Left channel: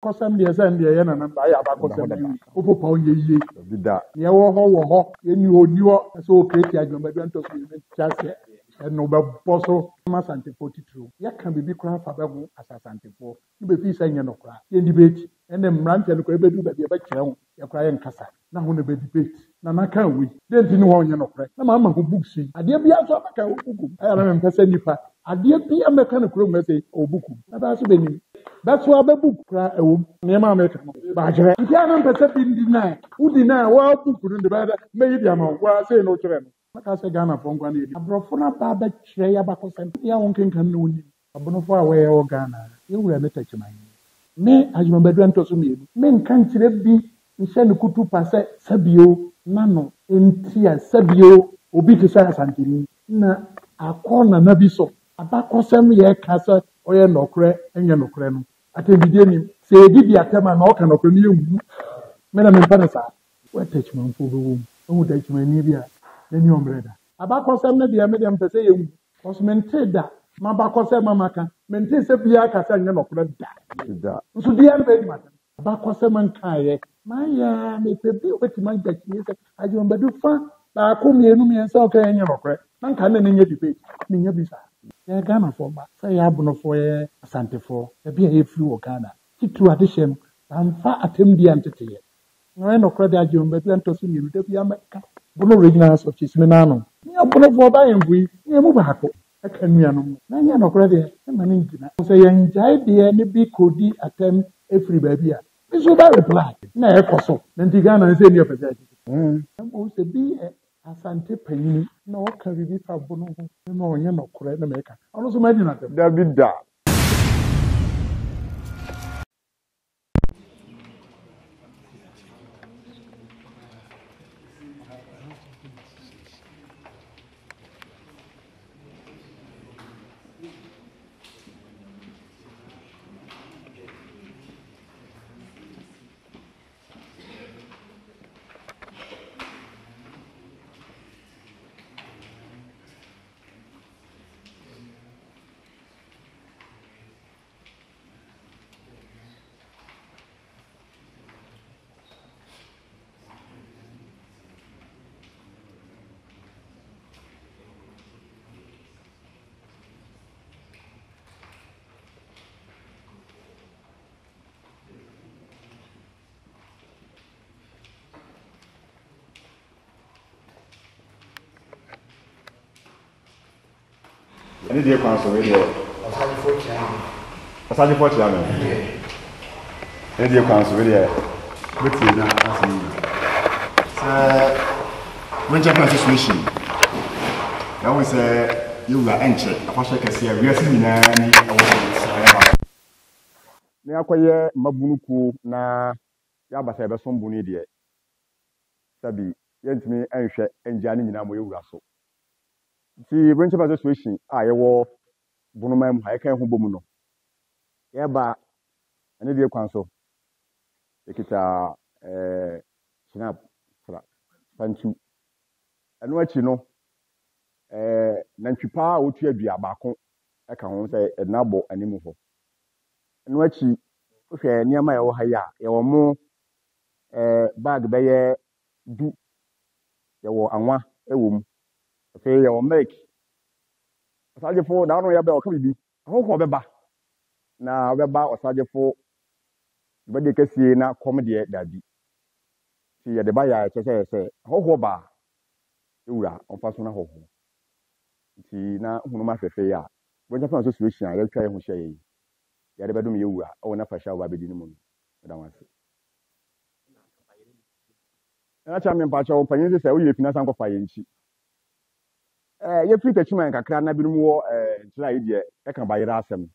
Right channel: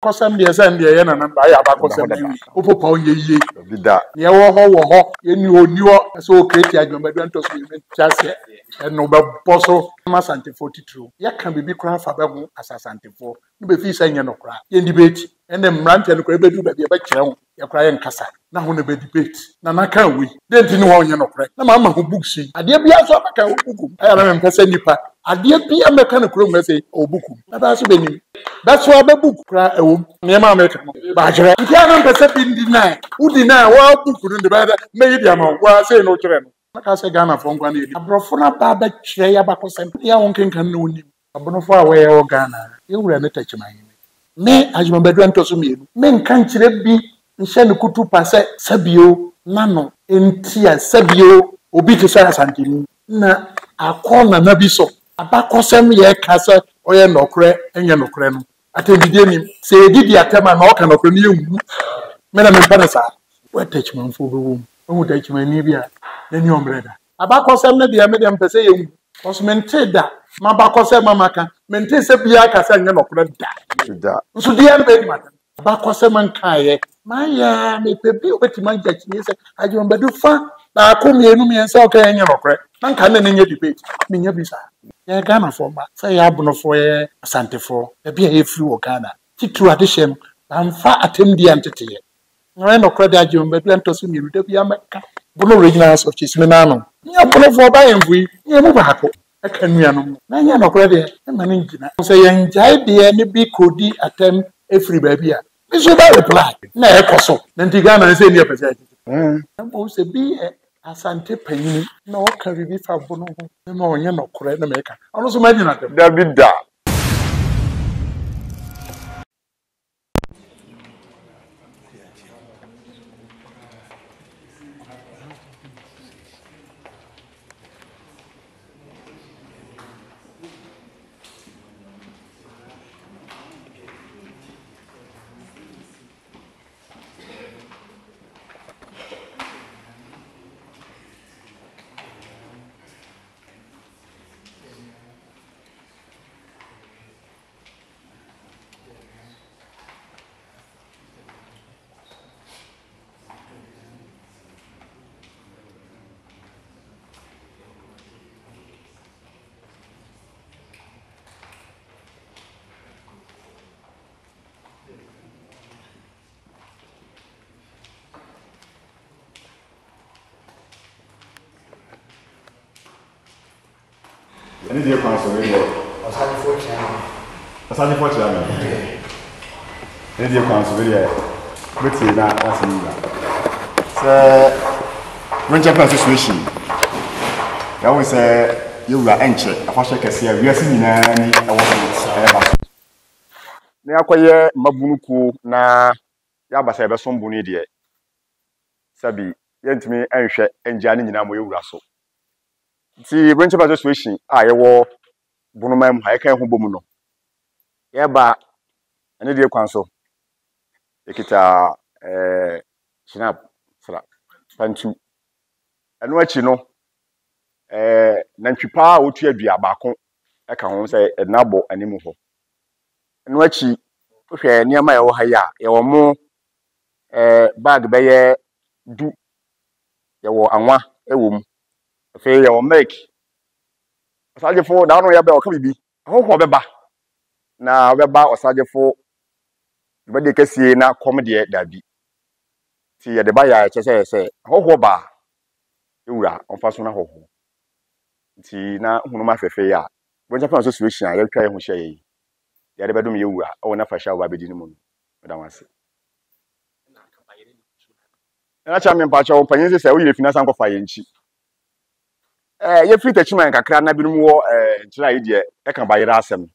Kosam de send de na number ya ba kosam ni. Opo pa onye yie. Bida. Ye wo ho, ye ni oni wo so create adwumbadu antoso ye chase. No be boso ma santefo titru. Ya kan bibi kra fa be ho asasantefo. No be fi say nye no kra. Ye debate. Ene mrante no kra bedu ba be kire ho. Ye kra ye nkasa. Na ho no be debate. Na na kan we. Den ti no ho nye no kra. Na ma ma ho books yi. Ade bia so ba kan buku. Aya na me pese nipa. Ade bia me kan kro me say o buku. Na ba so be ni. That's why be book kra e wo. Ne ma me kan. Ba jere. Nti ana pese bi ndi na. Udi na wa buku no de ba me yi dia ma wa say no kire no. Maka se Ghana for ngwa na edi. Abrofo na ba ba kire ya bakosem. Ya won kenkan na oni. Abonofo a we o Ghana. Ye wura ne tachiman. Me ajumabadu antoso mienu. Me nkan kire bi nhye ne kutu pa se sabio nano entia sabio obi te sa asantini na akona na bi so. Abakosem ye kasa oye nokre enye nokre no. Atendide nim. Se edidi atema na oka nokre no yewu. Me na me mpa na sa. We tachiman fo be wo. Ohu tachiman ni bia na ni ombreda. Abakosem na dia me dem pese yewu. Osmente da mabakosem mamaka mente se bia kasa nye nokre da. Bida. Nso dia no be di mata. Abakosem nkaye. Maya me pebi obetima njakini se ajombadu fa na akomienu miensa oka nye nokre. Na nka na nye debate. Menya bisa. Ya Ghana for ba. Say ya abonofo ye asantefo. E bia ye free wo Ghana. Titru adehye amfa atemdi antete. Na nokre da ajombadu antoso mienu da bia meka. Bono originals of Chismina no. Ya bonofo ba yemfui. Ye mu baako. Aka nuanom. Na nya nokre de e ma ne ngina. So ye njai de ne bi kodi atem efiri ba bia. Biso ba reply. Na e koso. Na nti Ghana se ni epese. Na mo se bi asante panyini na o ka bibi fa bono ho. Na onye nokre na meka. Ono so ma nyina dem. Bida. Any day council radio. Asante for chairman. Any day council radio. But you na asini na. When Japan Association. Ya we say you were enche. Akwashe kese we asi nyina ni ewo na akoye mabunuku na ya basa ebe so mbunu de. Sabi yentimi enhwe enja ni nyina mo yewura so. Ti Branch Association a yewo bunuma mu ha kan ho bomu no ye ba ene de kwan so ekita shinap sra pantu eno achi no nantwipa a otu adua baako e ka ho se enabo animu ho eno achi hwe niam a yewo ha ya yewo mo bag beye du yewo anwa ewom fe yewo milk osajefo da no ya be o ka bibi ho beba na beba osajefo be de kasie na kom de dabi ti ye de ba ya chese se ho ba ewura onfa so na ho ti na hunuma fefe ya bo Japan Association ya twa ye ho hye ye ya de bedum ye ewura o na fa sha ba bedi ni mu da wase na cha me pa cha o panyin se o ye finance anko fa ye nchi ye free tachiman kakra na binom wo nchira ye de e kan bayira asem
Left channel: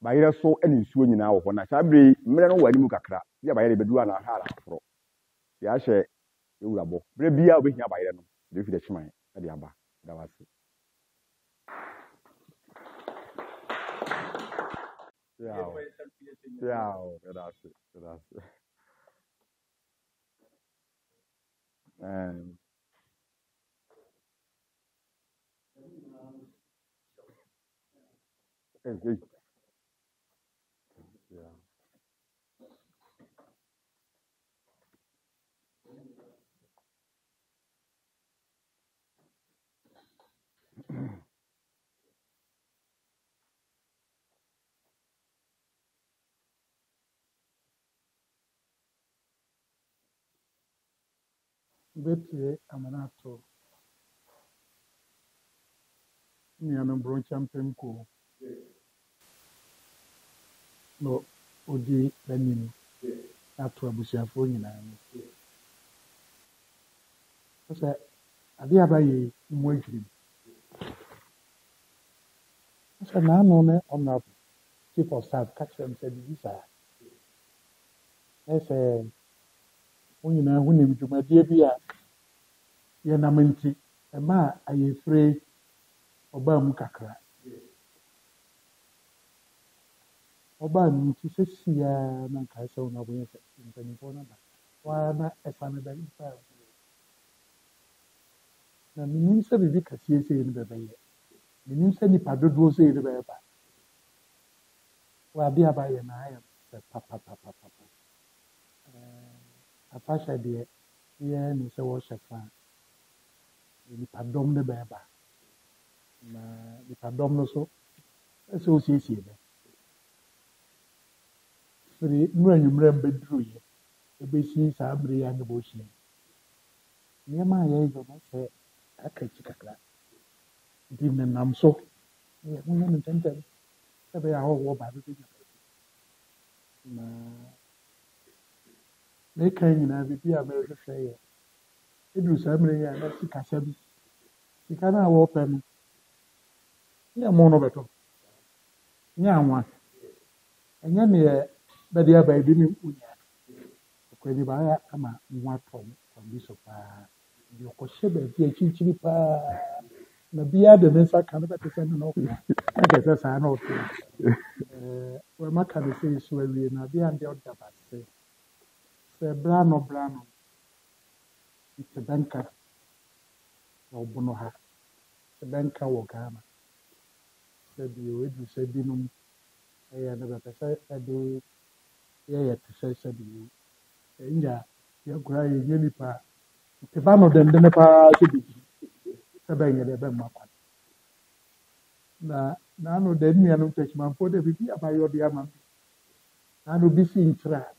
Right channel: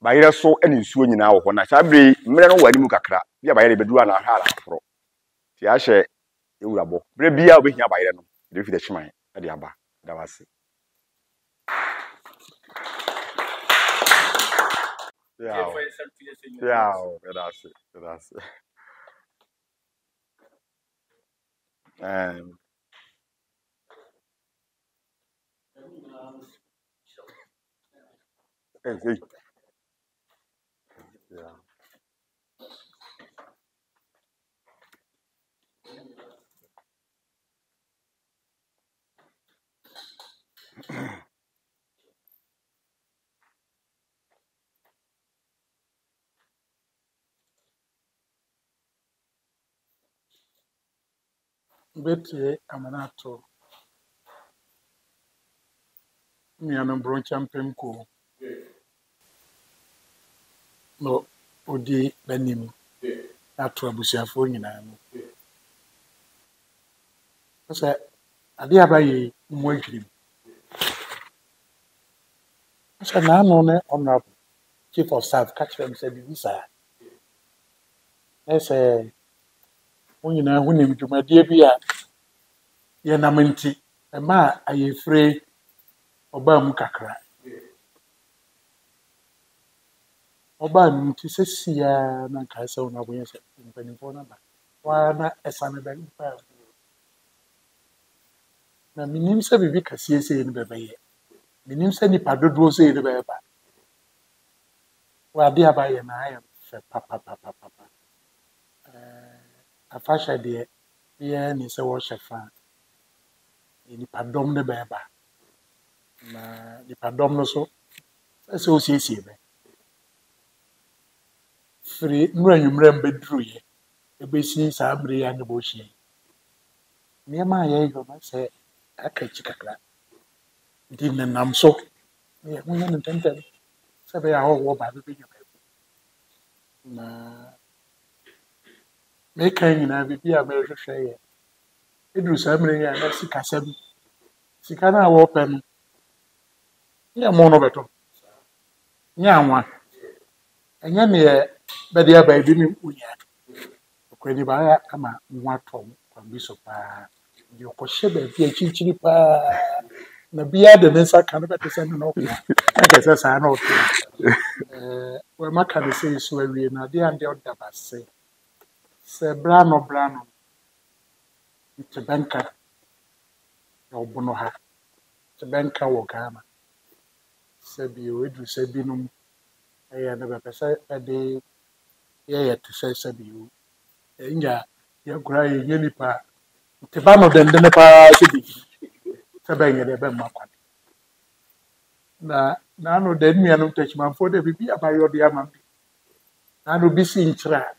bayira so eni nsuo nyina wo ho na sabre mmere no wani mu kakra bia bayira bedu ana ha ala afro ti a hye ewurabo bre bia obehia bayira no de free tachiman e de aba da wase yeah that's it hey yeah Betty Amanato, Miano Broncham Pemco, no, Odi Benim, that Trabusia Fonina. I said, I dear by Moikim. I said, now, no, honorable chief of staff, catch them, said, Visa. I say, when you know, when you do my dear beer, Yanamenti, a ma, I am free, Obam Kakra. Obam, to say, see, Nankasa, no way, in Penipona. Why not a son of them? Na minim sɛ bibi kɛseɛ sɛ ne bɛbɛyɛ minim sɛ nipa dodoɔ sɛ ne bɛyɛ wade abayɛ na ayɛ fɛ papapapapa afahyɛ deɛ yɛ ne sɛ wɔhyɛ fa nipa dɔm ne bɛyɛ na nipa dɔm no so sɛ osiesie bɛ firi nnura nwummerɛ mbɛduru yɛ ebesi saa mmere yɛ ne bɔhyɛ nneɛma a yɛyɛ no sɛ aka akyi kakra nti nenam so yɛ ho yɛ no ntɛntɛm sɛ bɛyɛ a wɔwɔ baabi bɛnya baabi na meka nyinaa biribi a mɛhwehwɛ yɛ ɛduru saa mmere yɛ a na sikasɛm sika no a wɔpɛ no nyɛ mo no bɛtɔ nyɛ anwa ɛnyɛ neɛ bɛde aba bi ne wonya ɔkwani baayɛ ama ho atɔ kwan bi so paa deɛ ɔkɔhyɛ baabi akyirikyiri paa na biara de ne nsa ka no bɛte sɛ no na ɔka na kɛ sɛ saa na ɔto wɔma ka ne sɛ so awie na adeɛ a deɛ ɔda base sɛ bra no nte bɛnka na ɔbono ha nte bɛnka wɔ Ghana sɛ bio ɛduru sɛ binom ɛyɛ no bɛpɛ sɛ ɛde yɛyɛ te sɛ bio ɛnya yɛkora yɛnyɛ nipa nte ba no dendene paa sɛ biribi sɛ bɛnyɛ deɛ bɛmma kwan na naano da nnuanom takyimanfoɔ dɛ biribi abayɛ ɔde ama bi naano bi si nkyerɛ a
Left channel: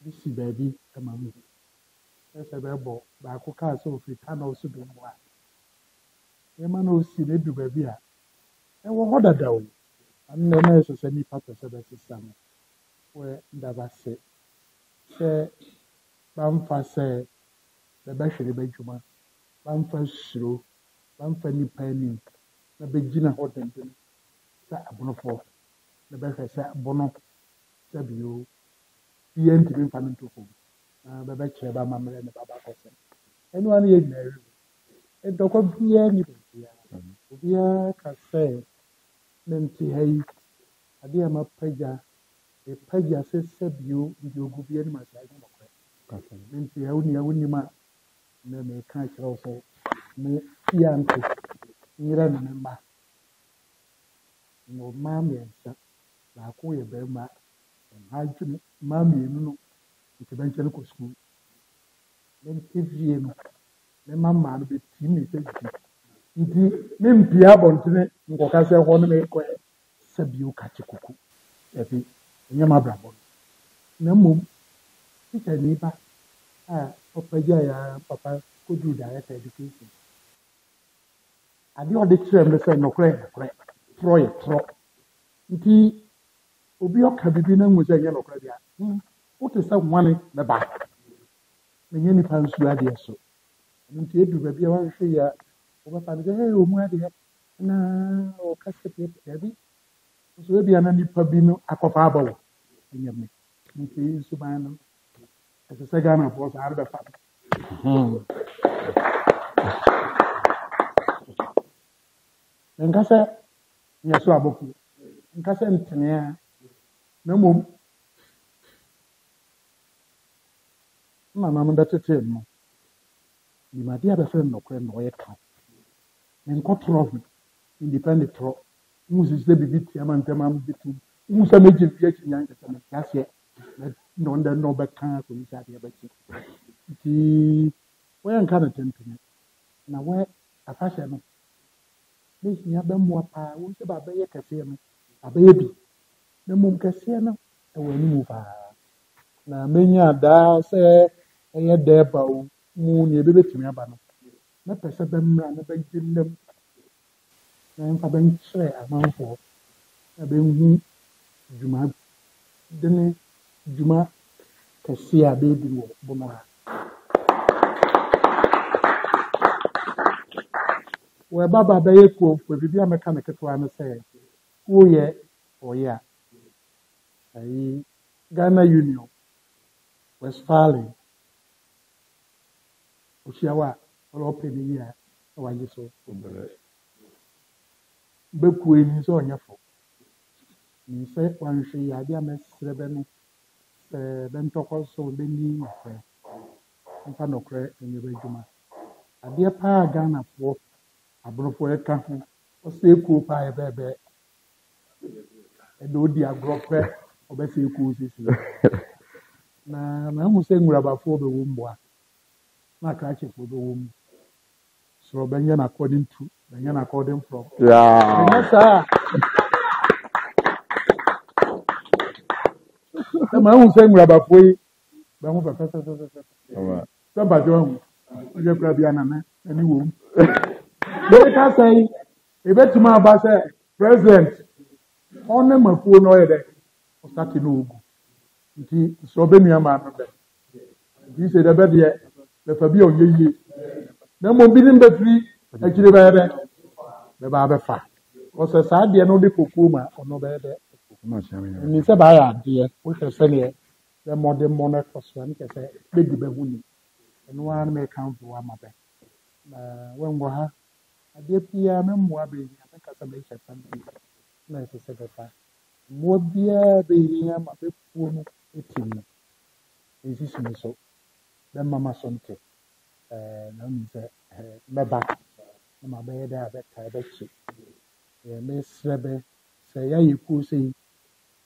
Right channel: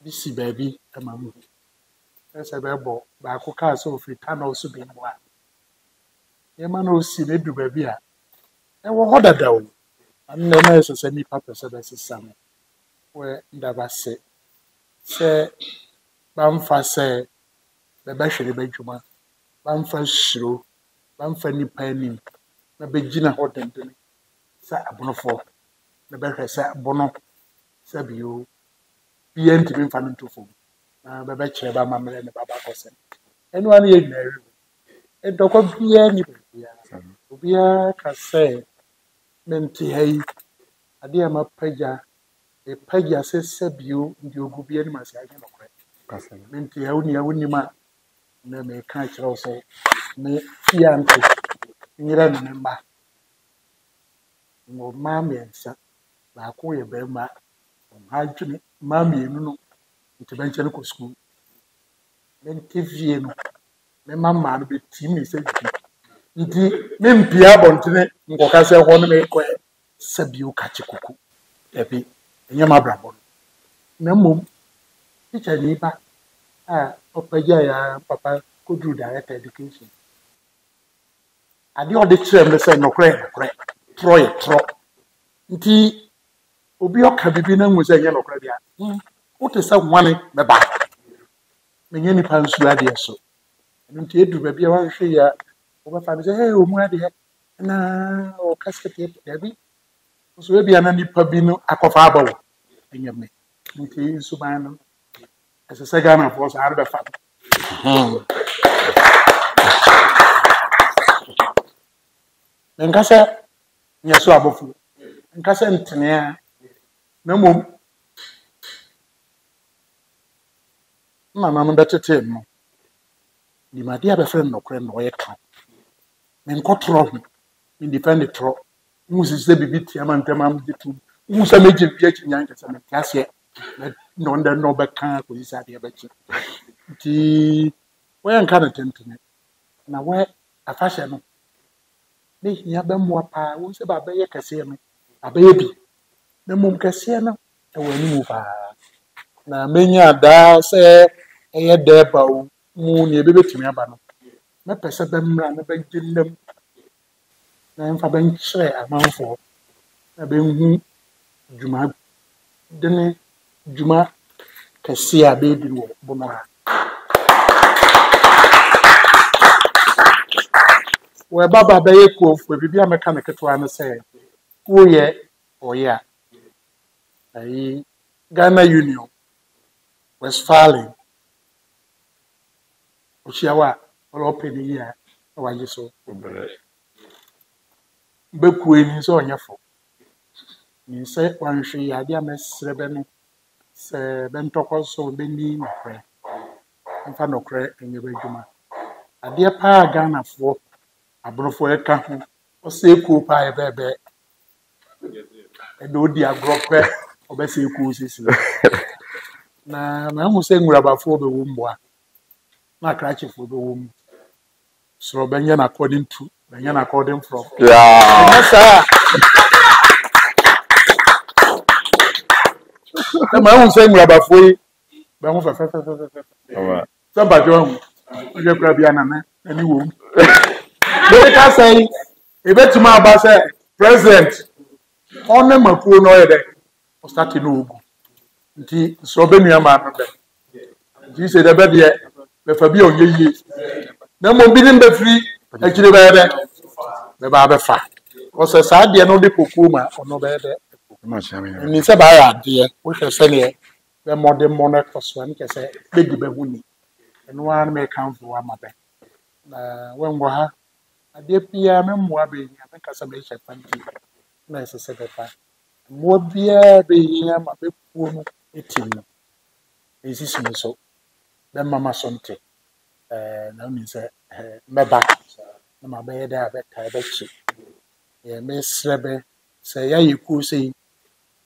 bi si baabi ama mu sɛ bɛbɔ baako kaa sɛ ofiri tunnel so bi mu a nneɛma na osi na edu baabi a ɛwɔ hɔ dada o ano na ɛma ɛsɛ sɛ nipa pɛ sɛ bɛsesa no wɔ ndaba se sɛ bamfa sɛ bɛbɛhwere bɛdwuma bamfa hyiro bamfa nipa anim na bɛgyina hɔ denden sɛ abonofoɔ na bɛhwɛ sɛ abono sɛ bio bia ntimi mfa no nto fam na bɛbɛkyerɛ ba mammerɛ ne baba kɔsɛm ɛno ano yɛ nyinaa ɛrewu ɛdɔkɔ biara ni baabiara obiara ka sɛ mente ha yi adeɛ a mapagya ɛpagya sɛ bio deɛ ogu bi anim ase agye nɔkorɛ mente ha wo nua wonim a na meka kyerɛ wo sɛ me fie ante nyerɛ ne ne mma na ɔmaa mmiɛnsa baako yɛ barima ɔha adwene mmaa mmienu no nti bɛnkyɛ no kɔ sukuu mente fie no mema mmaa no bɛtim ne sɛ bi nti mempia abɔntene nkɔka sɛ hɔ no mekɔ sɛ bio kakye kuku dabi ɛnyɛ m'abrabɔ no na mmom tikya nipa a ɔpagya ya papa kɔduru director education adeɛ ɔde kyerɛ me sɛ nɔkorɛ torɔ yɛ torɔ nti obi ɔka bibi na ngu sɛ ɛnyɛ nɔkorɛ bia wote sɛ nwane bɛba menyɛ nipa nsuo adeɛ so ɛno nti ɛduru baabi a woahwehwɛ yi a wobɛfa no sɛ ɔmu adeɛ na ɔka sɛ deɛ dabi nso ebia na nipa bi no akɔfa aba wo ɛnyɛ me nti nsuban no ɛsɛ sɛ Ghanafoɔ saa no bɛfa no menka sɛ nyɛ so abɔfo nka sɛ ntenea na mmom nananom bɛtetee no nimade a bɛfrɛ no nɔkorɛ na ɔyɛ ka menkɔtorɔ ho mendifa ne torɔ wohu sisi sɛ biribi tia ma ntɛm amde tom wohu sɛ mɛgye bi akyi nya nkɛ sɛ mente aseɛ na ɔndɛ na ɔbɛka akɔsi sɛ adeɛ bɛkye nti wɔyɛ nka no tentene na wɔyɛ afahyɛ no na hia bɛmmoa paa wohu sɛ baabɛyɛ kɛseɛ no abɛyɛ bi na mmom kɛseɛ no ɛwɔ anim paa na menya daa sɛ ɛyɛ dɛɛba o mu ne ebɛbɛtumi aba no mɛpɛ sɛ bɛmmra na bɛgye nnam na mfa bɛnkyerɛ amanfoɔ na bɛnhu dwuma dene dwuma kɛseɛ a bɛɛdi wɔ bono ha wɔbaba bɛyɛ kuofoɔ biribi a mɛka no ketewa no sɛ woyɛ ɔyɛ a ayi Ghana Union Westphalian Oshiawa or open a year, or I so Bekwe is on your phone. You say one she idea miss Rebeni, say Bentoko so Bendy, my friend, and Fanocre in your regiment. A dear pa Ghana for a brofo a camp, or say cool pie baby. And no dear grope, or Bessie Coos. Na I'm saying we're about for the womb. Na cratch for the womb. So Benyan according to Benyan according from. Yeah. Yes, sir. I'm saying we're about for you. Somebody on you grab your any womb. They can say, if it's my boss, President, on them a poor noise, or starting no. So Benyan man. You say the bed yet. The Fabio ye. No more bidding the free, actually, the barber fat. Was a sad dear no de Pukuma or no better. And it's a bad dear, which I say, the modern monarch was one can say, big bewooning, and one may count for one mother. When we have a dear PM, more being a casabation fancy, nice as a more beer being a big woman, 18. Is this so? Then Mama Sonte, no means me back. My bed, I bet I bet you. Miss Rebe say, yeah, you could say,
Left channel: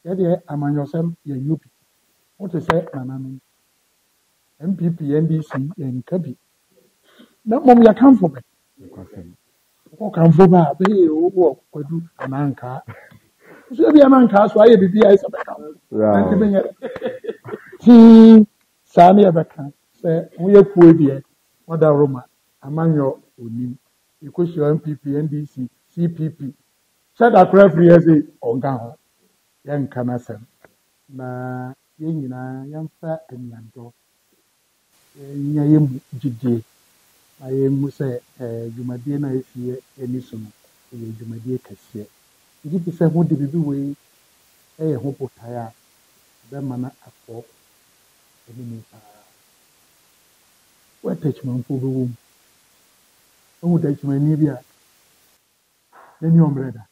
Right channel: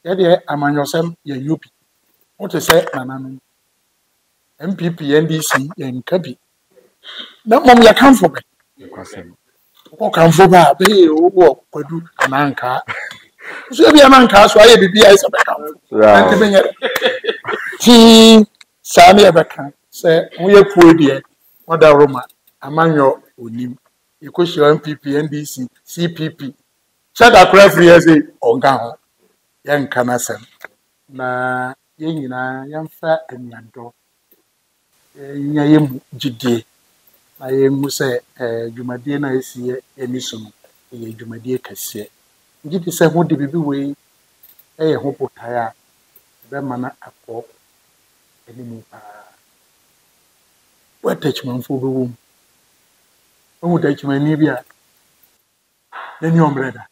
yeah, I'm on yourself, you UP. What to say, Manan? MPP, NDC, and Kabi. No, Mom, you come for me. What come for me? Be walk, could do an anchor. So be an anchor, so I be as a back. Tea, Sammy Abaka. Say, we are poor dear, what a Roma, among your own. You could show MPP, NDC, CPP. Shut up, referee, as a Ogan, young Canasem. Na Yina, young fat and young dog. Yam Gide. I am say, Jumadina is here, any soon, a Jumadia Cassia. Gide said, what did we way? A hope tire, the manner of pop, any more. What touchman for the womb? Oh, touchman, Nibia. Then your brother.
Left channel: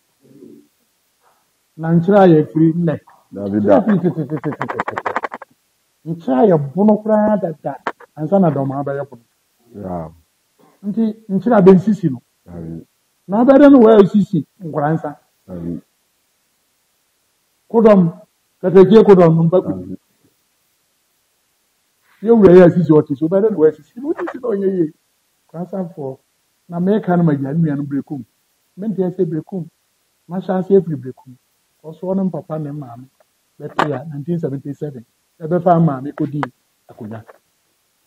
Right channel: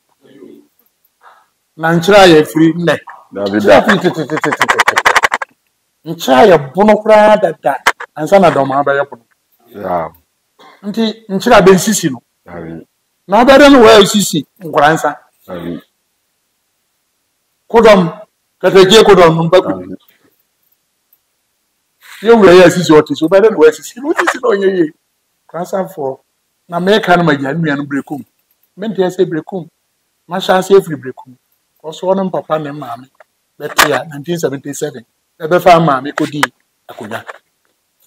Nanchaya free neck. Nchaya bonocra that, and son of Doma by a Nchira Ben Sissino. Now, better than where Sissi, grandson. Kodom, Katake Kodom, you will yes, what is better than West. What is it on your grandson for? Now, make an American breakum. Meant to say breakum. Masha safely breakum. Also, one papa and mammy. That year, 1977. Ever found mammy could be a kuya.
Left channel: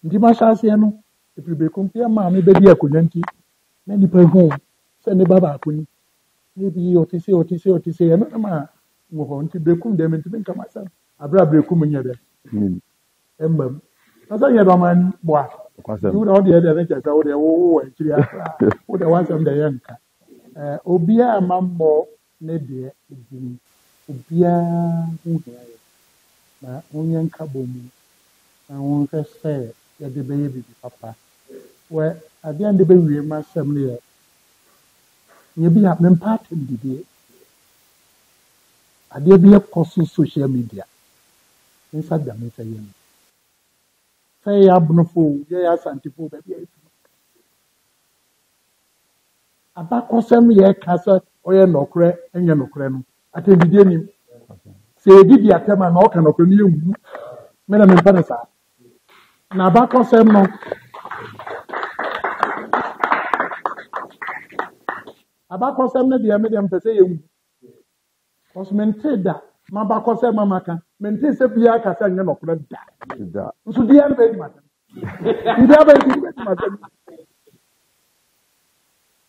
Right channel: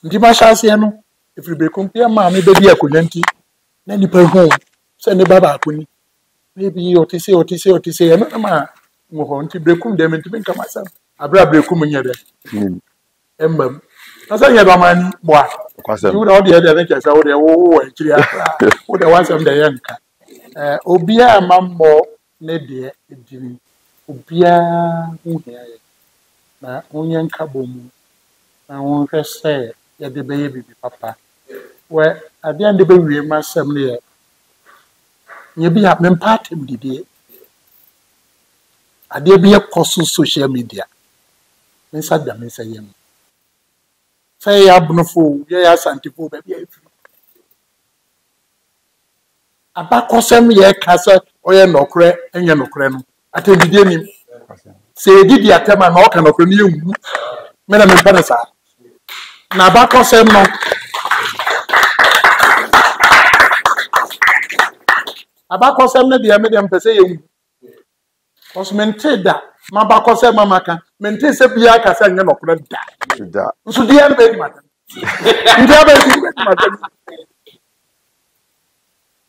Dimasha Siano, if you breakum, dear mammy, baby, a kuyanti. Then you per home. Send the baba kuni. Maybe OTC, another man. Mohon to breakum them into make myself. I brought breakum in your emblem. As I have a man, what? You would all the other lectures out there. Oh, actually, what I was on the young. Obia mambo, Nedia, Jimmy. Obia, who here? Na onyan kabomu. Na won't say, ya the baby, papa. Where at the end of the baby, my family. You be up and part him, did ye? I dare be a cost social media. Inside them, Miss Ayam. Say, Abnofo, yes, Antipo, baby. A back of some year castle or your no cre and your no creno. I tell you, say, did you attend my knock and open you? Madam and Panasa. Now, back of some no. Abako sem na dia me dem pese yemu. Cause mente da, ma bako sem mama kan, mente se bia ka se nye nokura da. Da. Nso dia na be di mata. India be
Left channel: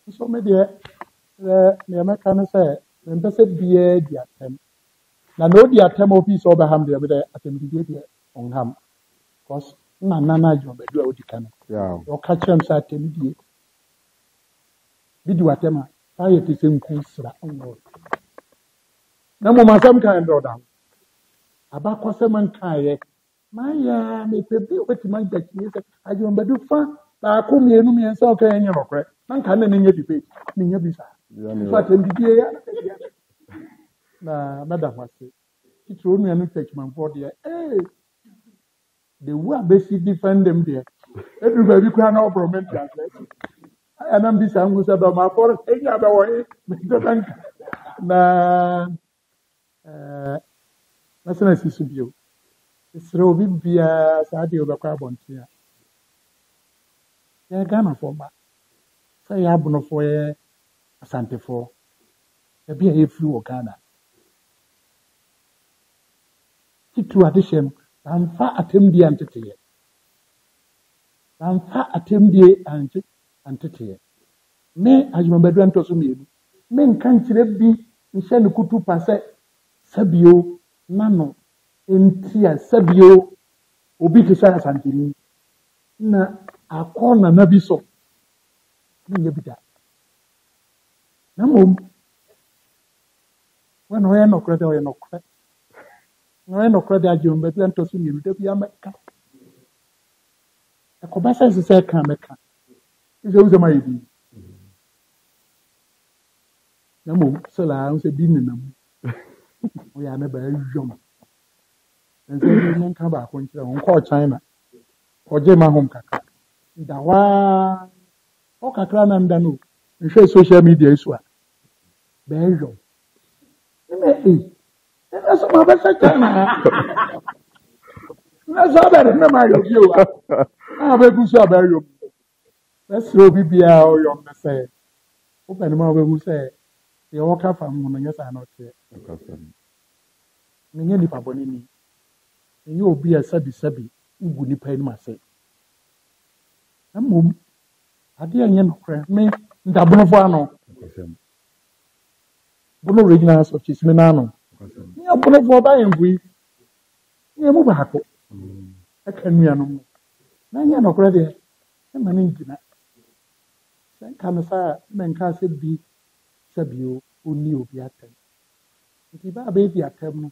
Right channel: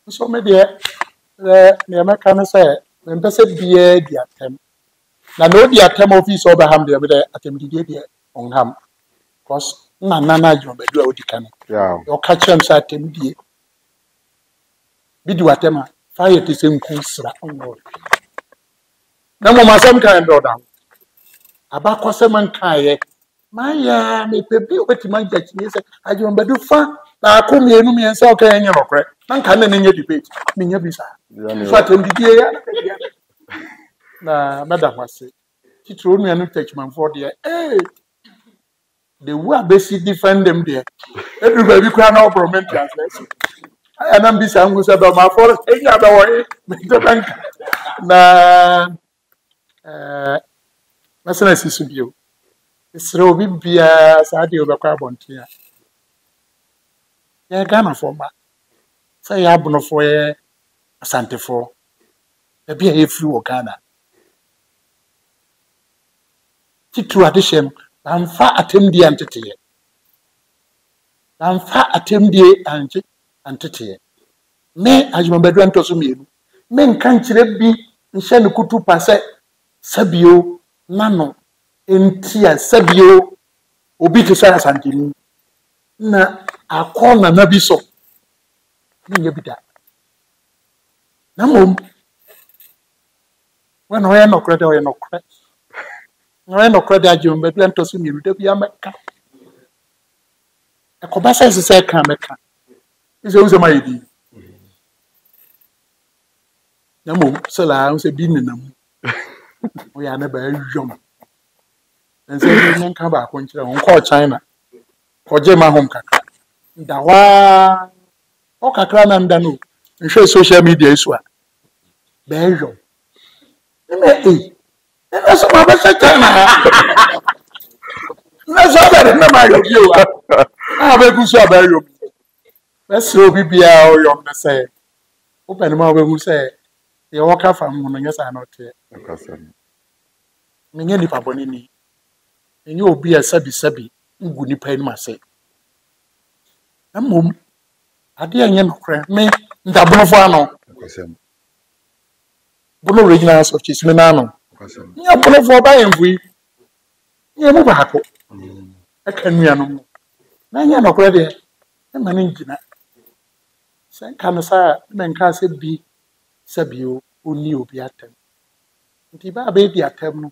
so me de me can say when person be di atem na no di atem office Oberham de be atem di on ham because na jo be do odi kan o ka chem say atem di bi di atem a fire te sem ku sra on na mo masam kan do da abakose man kan Maya, me pebi obetima jachini se ajomba du fa na akomienu mi ensa oka enye nokre na nka na nenye debate menya bisa fa tembidie ya na madam ase titro nuanu techman for there the way basic defend them there everybody kwa na obrament translation aya na bisa ngusa ba ma for enya ba wo me bank na masana sisu bio Sro bibia saadi obekwa bontia. Ya Ghana for ma. Say ya buno for ye asante for. E bia ye free o Ghana. Ti tradition amfa atemdi antete. Amfa atemdi antete. Me ajumbedu antoso mienu. Me nkan kire bi nhye ne kutu pase sabio nano entia sabio obi te sa asantini na akona na biso nye bida na mom when o no credit o no credit no credit ajum be plan to so mi rude bia meka e ko ba se ka meka izo uzo ma yidi na mom se la se bi ni na mu o ya na ba yom and say you can ba ko nchira on call China ko je ma hom kakra ndawa o kakra na nda no nhwe social media isu a be yo me na so ma ba se China na so ba na ma yo bi o a be ku so ba yo na so bibia o yo na say open ma be mu say ye waka fam no nyesa na ote me nye nipa boni ni enye obi a sabi ngu nipa ni mase na mom ade enye nokre me ndabonofo ano bono original of cheese me na no nya bonofo ba yenfui nya mu ba ko aka nuano mu na nya nokre de e mane ngina sen kan sa me nka se bi sabio oni obi atem nti ba be di atem no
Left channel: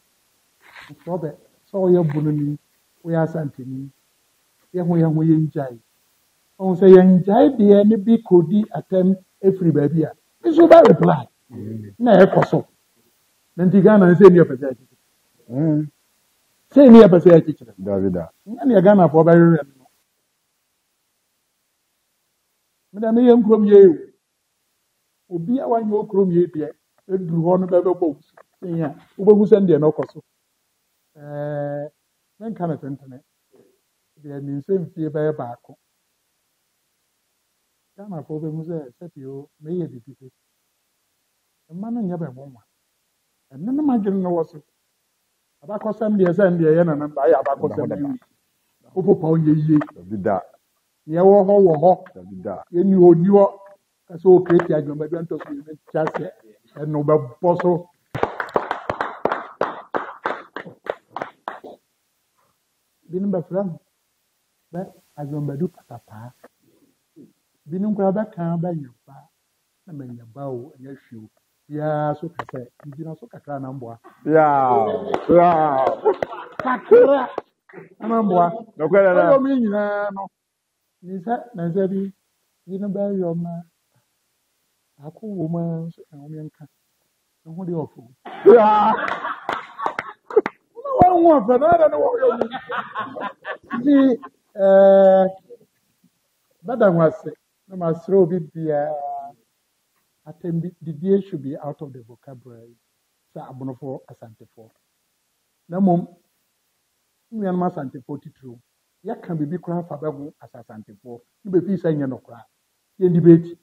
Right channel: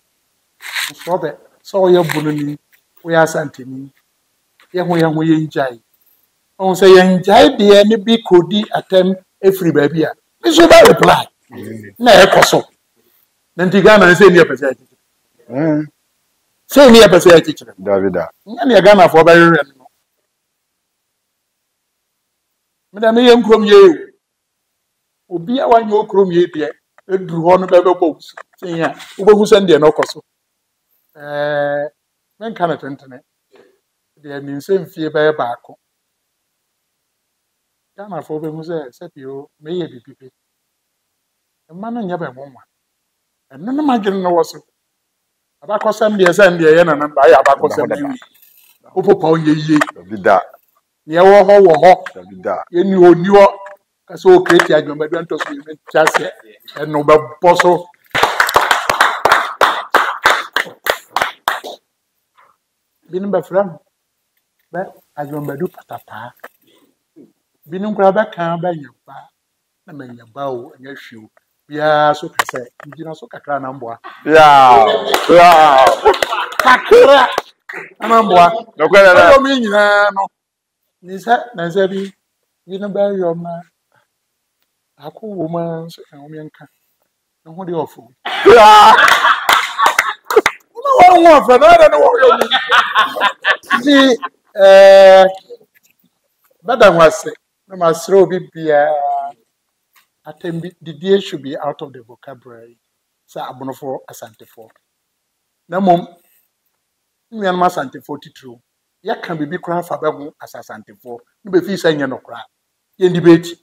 so be so ye bununi we asantini ye ho ye njai on say ye njai de ni bi kodi atem every baby a me so ba reply na e koso na nti Ghana say ni apese achi say ni apese achi kire Davida nya ni Ghana for ba rere no me da me ye nkrom ye obi a wanyo okrom ye de eduru ho no be bo say ya ubogu sande no koso men kana tentene de mi nsem fie ba baako Ghana for be mu se pio me ye bibibi emma no nya be monwa enno no magene no woso abakosam de sande ye na namba ya abakosam yi opopa onye yiye Davida ye wo ho Davida ye ni oniwo kaso o create ajomba do ntoso me chase enno be boso binin ba fram ba ajomba do patapa binin kura ba kan ba nyaba na manyaba o anya hwiu bia so kase ngina so kakra na mboa kakra na mboa nokwela na ayo mi nyina no ni sa na sa bi binin ba yo ma ako wo ma so kan o mi nka na ho de ofo no wo fa na no wo yo mi di madam wase na masro bibia atembi the day should be out of the vocabulary sa abonofo asantefo na mom nyan ma asantefo titru ya kan bibi kura fa ba hu asasantefo ni be fi sa nya no kura ye debate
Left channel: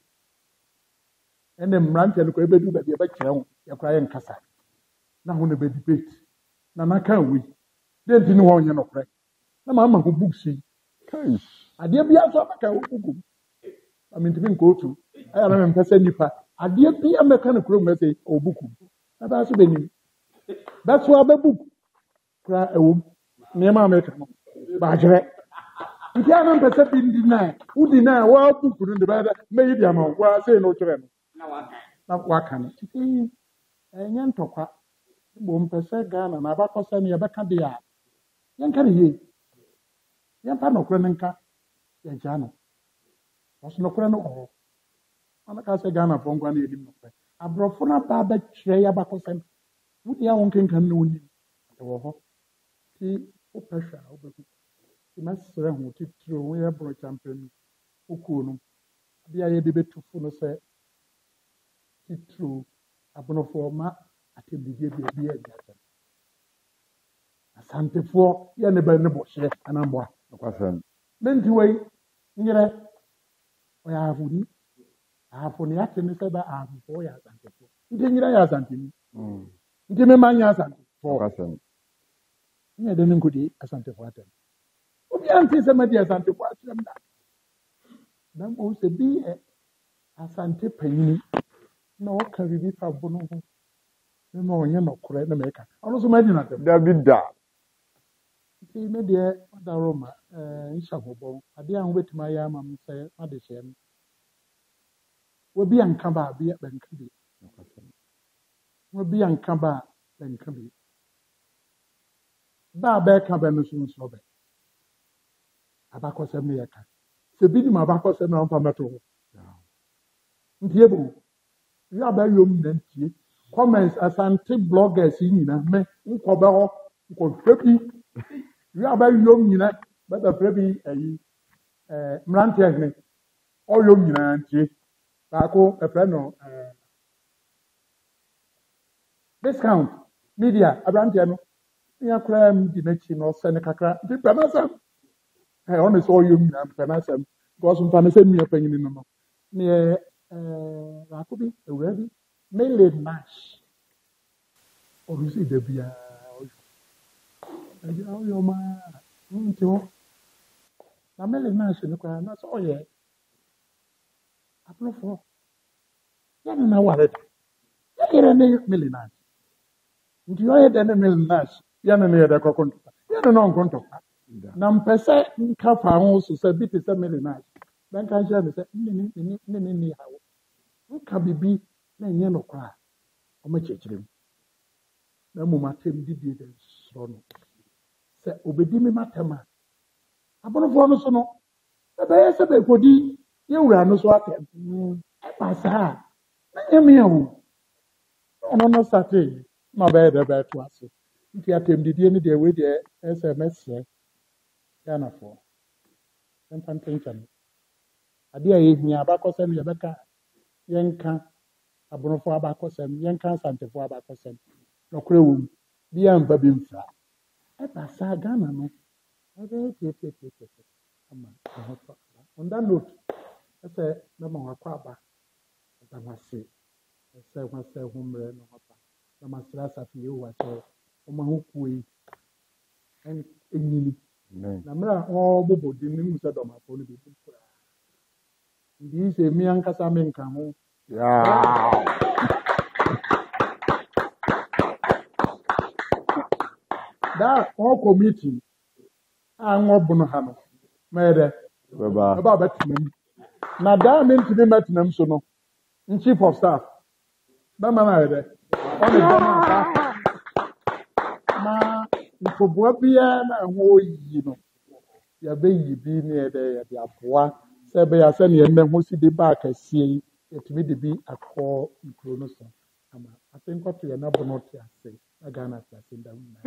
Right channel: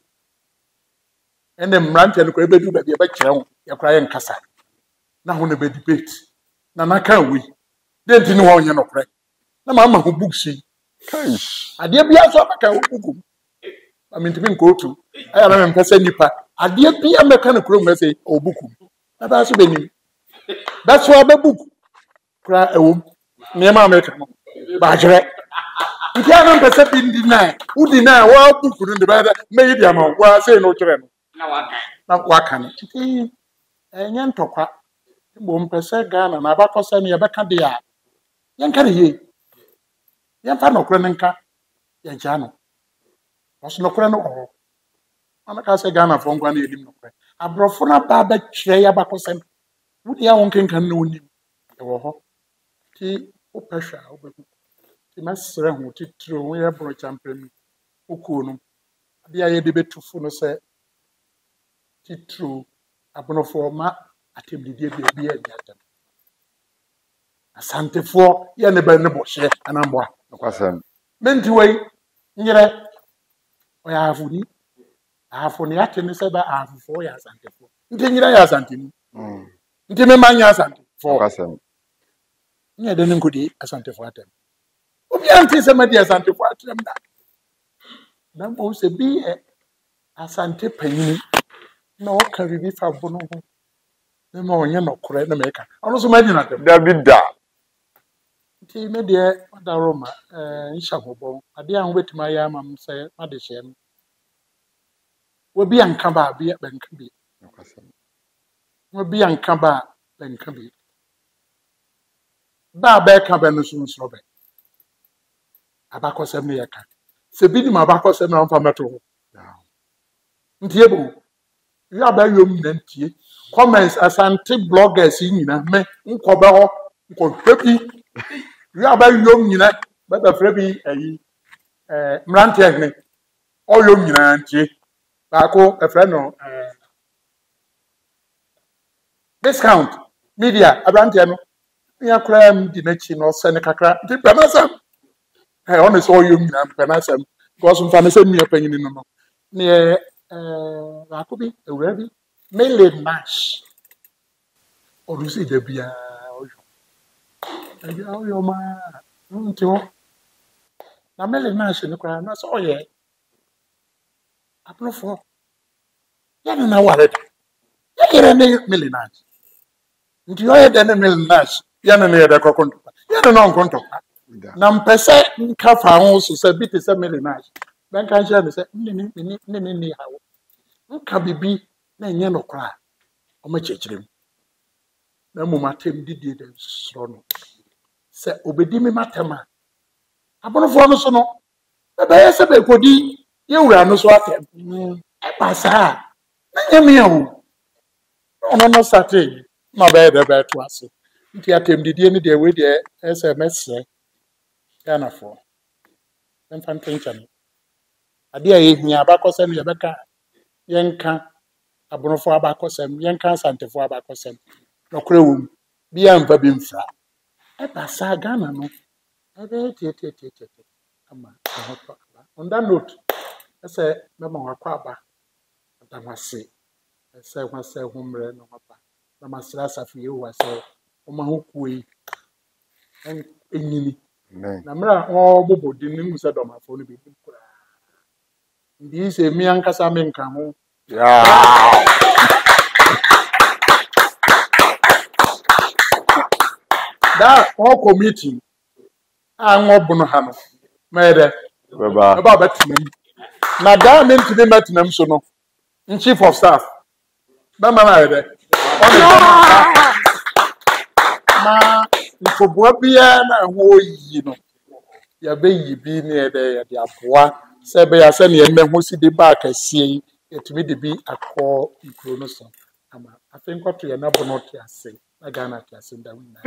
ene mrante no kura be du ba bia ba kire ho ya kura ye nkasa na ho ne be debate na kan wi denti ni ho nya no kura na ma hu books yi adeɛ bi aso abaka hukum amintimi nkotu aya na mpɛsɛ nipa adeɛ bi ameka no kurom sɛ obukum na ba so benim ba so ababuk kra ewom nneɛma ameka no ba kyerɛ nti ana mpɛsɛ bi ndi na udi na wa buku no de ba meyi dia ma wa sei no kyerɛ no na waka no nti ɛnyɛ ntɔkwa bo mpɛsɛ Ghana na abakɔsɛ ne yɛbɛka de a yɛnka ne yie yɛmfa nɔkorɛ no nka yɛgya no ɔso nɔkorɛ no wɔ hɔ anaka sɛ Ghana fo nkwa na yɛdim nɔkorɛ aborɔfo no aba bɛkyerɛ yɛ abakɔsɛm wode a wo nkenkan no wonim ɛwɔ hɔ nti wopɛ hwɛ a wobɛhu nti mɛserɛ ho titire ho yɛ borɔ kyampɛnu wokuo no ade a yɛde bɛtufo no sɛ titire abonofoɔ ma atemdidie baabi a ɛdi atam asantefoɔ yɛ ne bɛ ne bɔhyɛ anamboa nokwasɛm menti wei nyerɛ ɔyɛ ahafoni ahafoni ate ne sɛ bɛ ahafofoɔ yɛ asantefoɔ nti nyerɛ yɛ asanteni nti mema nyɛ asantefoɔ nokwasɛm nyɛ de ne nkɔdi asantefoɔ atam obiara nte sɛ madi asantefoɔ atam da na mmom sɛ bi yɛ asante panyini na ɔka biribi fa bono ho na ma ɔnyɛ nɔkorɛ na mɛka ɔno nso madi natam David da nti me deɛ ɔda roma nhyɛ hɔbɔ adeɛ a wobɛtumi ayɛ ama m sɛ made hyɛ no wabi anka ba bi bɛnka bi nokwasɛm wabi anka ba bɛnka bi ba bɛka bɛ no so nsoro bɛ abakɔsɛm no yɛka sɛ bi nim abakɔsɛm na ɔmfa mɛto hɔ ntie bo yɛ abayom na ntie comments asante bloggers yi nyina me nkɔbɛ hɔ nkɔhwɛ bi yɛ abayom nyina bɛbɛfrɛ bi ayi mmeranteɛ hene ɔyom nyina ntie baako ɛfrɛ no discount media aberanteɛ no ya koraa m di n'akyi na ɔsɛ ne kakra nti pɛ n'asɛm ɔne sɛ ɔyom nyina pɛ n'asɛm because mfa ne sɛ nnua panyini no no neɛ baako bi awura bi Mele Nash ɔdo sɛ da biara ɔyɔ ma nti hɔ na Mele Nash no koraa na sɛ ɔyɛ aborofoɔ yɛne na ware da yɛyerɛ ne Mele Nash nti ɔyɛ dɛ ne Mele Nash yɛne ne yɛdɛ kɔkɔ ntɔkwa yɛne na ɔnkɔ ntɔkwa na mpɛ sɛ nka fa ho so sɛ bi te sɛ Mele Nash bɛnka nhyɛ ne sɛ ne ni hawo nka bibi na ɛnyɛ nɔkorɛ a ɔmakyerɛkyerɛ mu na mmom atem didie dɛ soro no sɛ obɛdi me matam a abonofoɔ no so no ɛbɛyɛ sɛ bɛkɔdi yɛwura no so atɛm ɛba saa a na nyɛ me a o na ɔno no satee na ɔbɛyɛ dɛ bɛɛto ase nti atem didie no deɛ wei deɛ ɛyɛ sɛ mɛsrɛ Ghanafoɔ ɛmfa ntenkyɛne adeɛ a yɛhia abakɔsɛm yɛbɛka yɛnka abonofoɔ abakɔsɛm yɛnka asantefoɔ abakɔsɛm nɔkorɛ wɔ mu bia mfa bi mfra ɛba saa Ghana no ɛbɛyɛ tietietie ama ɛho tɔ aba on that note ɛsɛ mɛma wakɔ aba adam ase ɛsɛ ho sɛ ho mmerɛ no aba na masrɛ asafo Yehowa sɛ ɔma ho kuo yi ɛnyini na mmerɛ a ɔbobɔ din no mu sɛ dɔmafoɔ no bɛdi koraa ndi sɛ mi ankasa menka ho that all committee bono ha no mɛdɛ ɛba bɛtenam na daa mentumi mɛtenam so no chief of staff bɛma no ayɛ dɛ ɔne ma ntoboa biara na ɛho ɔyiyi no yɛbɛyi bi ne yɛdɛ yɛde aboa sɛ ɛbɛyɛ sɛneɛ mmɛho si de ba akɛseɛ yi yɛtumi de bi akɔ nkuro no so ama afei nkɔto yɛ no bono te ase na Ghana te ase nda wina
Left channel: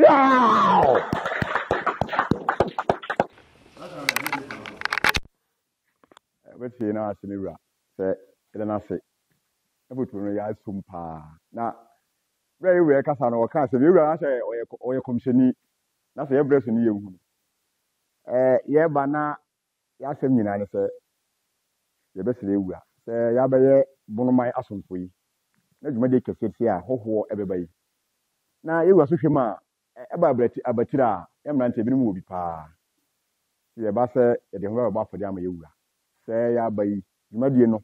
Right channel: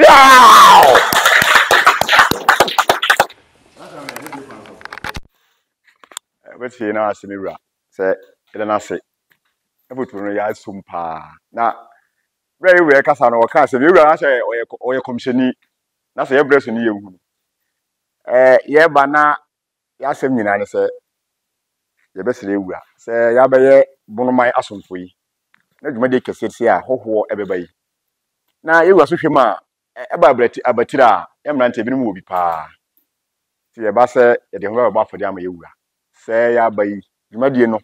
bɛtie na ase me wura sɛ ɛda no ase ɛfoto no yɛ asom paa na berɛ yɛ wura kasa no wɔka sɛ me wura no ahyɛ ɔyɛ kɔmhyɛni na sɛ yɛbrɛ so ne yɛhu no yɛba na yɛasɛm nyinaa ne sɛ yɛbɛsrɛ wura sɛ yɛabɛyɛ bonoman asomfo yi na dwumadi kɛseɛ si a hɔhoɔ ɛbɛba yi na yɛwura so hwɛ mu a ɛba abatiri a yɛmmerante binom wɔ bi paa ti ye ba se ye de ho ba fodi ama yewura se ya ba yi dwumadie no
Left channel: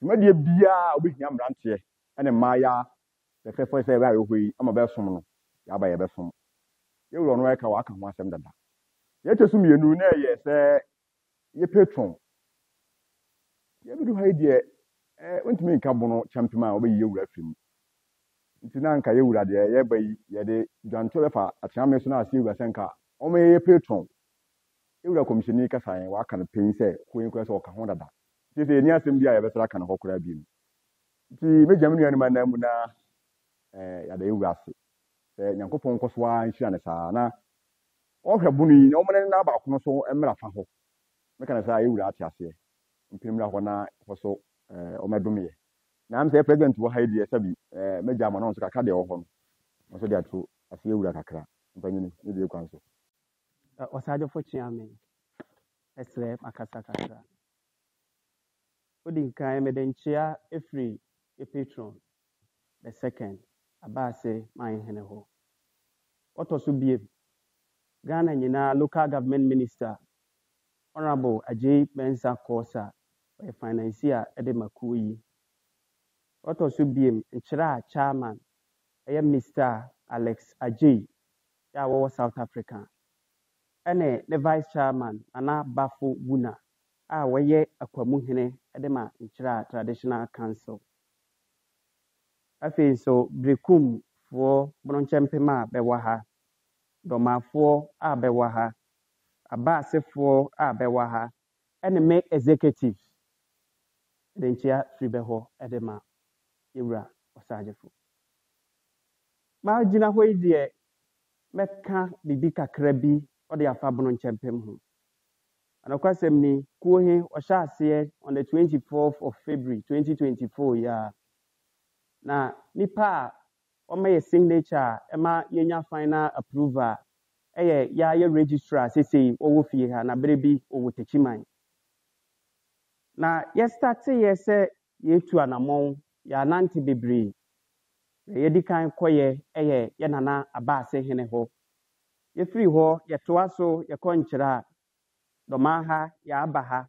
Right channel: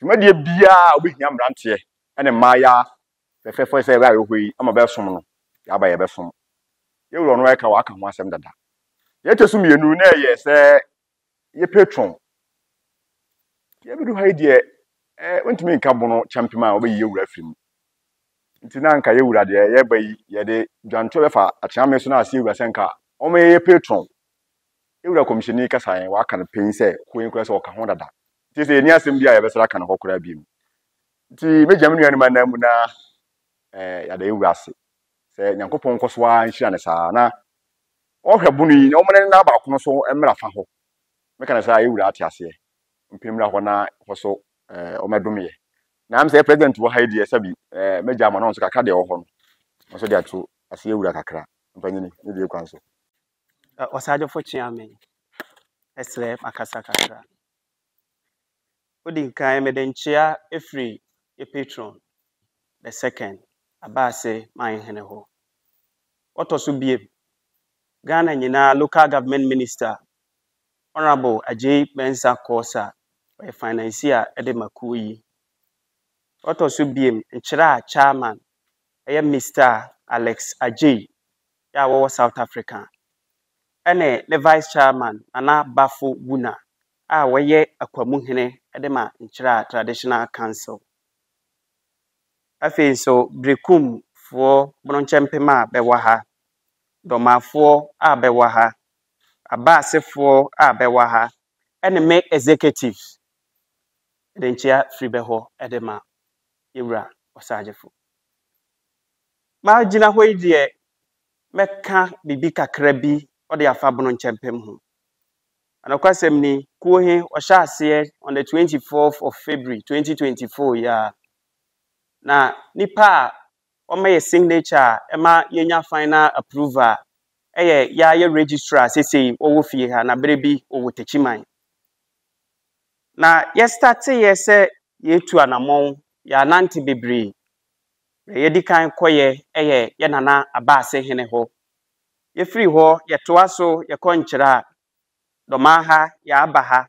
dwumadie bia obehia mbrante ene maya fefefo se ba yohoi ama be som no ya ba ye be som yewura no eka wa aka ho asem dada ye tesu mienu na ye se ye patron ye bidu ha die wontumi nka bono champion a obeyi yewura firim nti na nka yewura de ye ba yi ye de dwanto be fa akyame so na ase yewura senka o me ye patron yewura commissioni kasa yen wa aka no pen se koyin kura se o ka ho dada nti se ni asem bia ye be sra ka no kokora bi nti meja me nuanu na mu na ya da yewura ase se nyankopon koso a nhira ne saa na o hwe bunu yi o mene na ba kono so emra fa ho me kana sa yewura ate ase mpemra ho na ho o medome na am say president wo haidi esabi meja ma no so kakra de wo ho no so de ato ase yewura kakra mpanyini ne de kwanso osajo fo chiamen esle makasa kakra odi kan medenchia efri e patron the second abase man hene ho otoso biem Ghana nyina local government minister honorable Ajay Mensa Kosa by financier ede makuyi otoso biem nchira chairman Mr. Alex Ajay ya wo South Africa ene the vice chairman ana Bafo Buna a woye akwamu hene ede ma nchira traditional council afi so brekum for bronchempema bewa ha domafo a bewa ha abasefo a bewa ha ene me executives edenchia free beho ede ma yewura osajefo ma gina hoi de meka bibi kakra bi ode afa bronchempem ho anakwasem ni kuohe ohyase on the 24th of February 2024 ya na nipa o may signature ema yenya final approval ya registrar sese owo fie ha na berebi owo techiman na ye start ye se ye tu anamon ya nanti bebre ye dikan koye ye nana abase hene ho ye free ho ye toa so ye konkyira doma ha ya abaha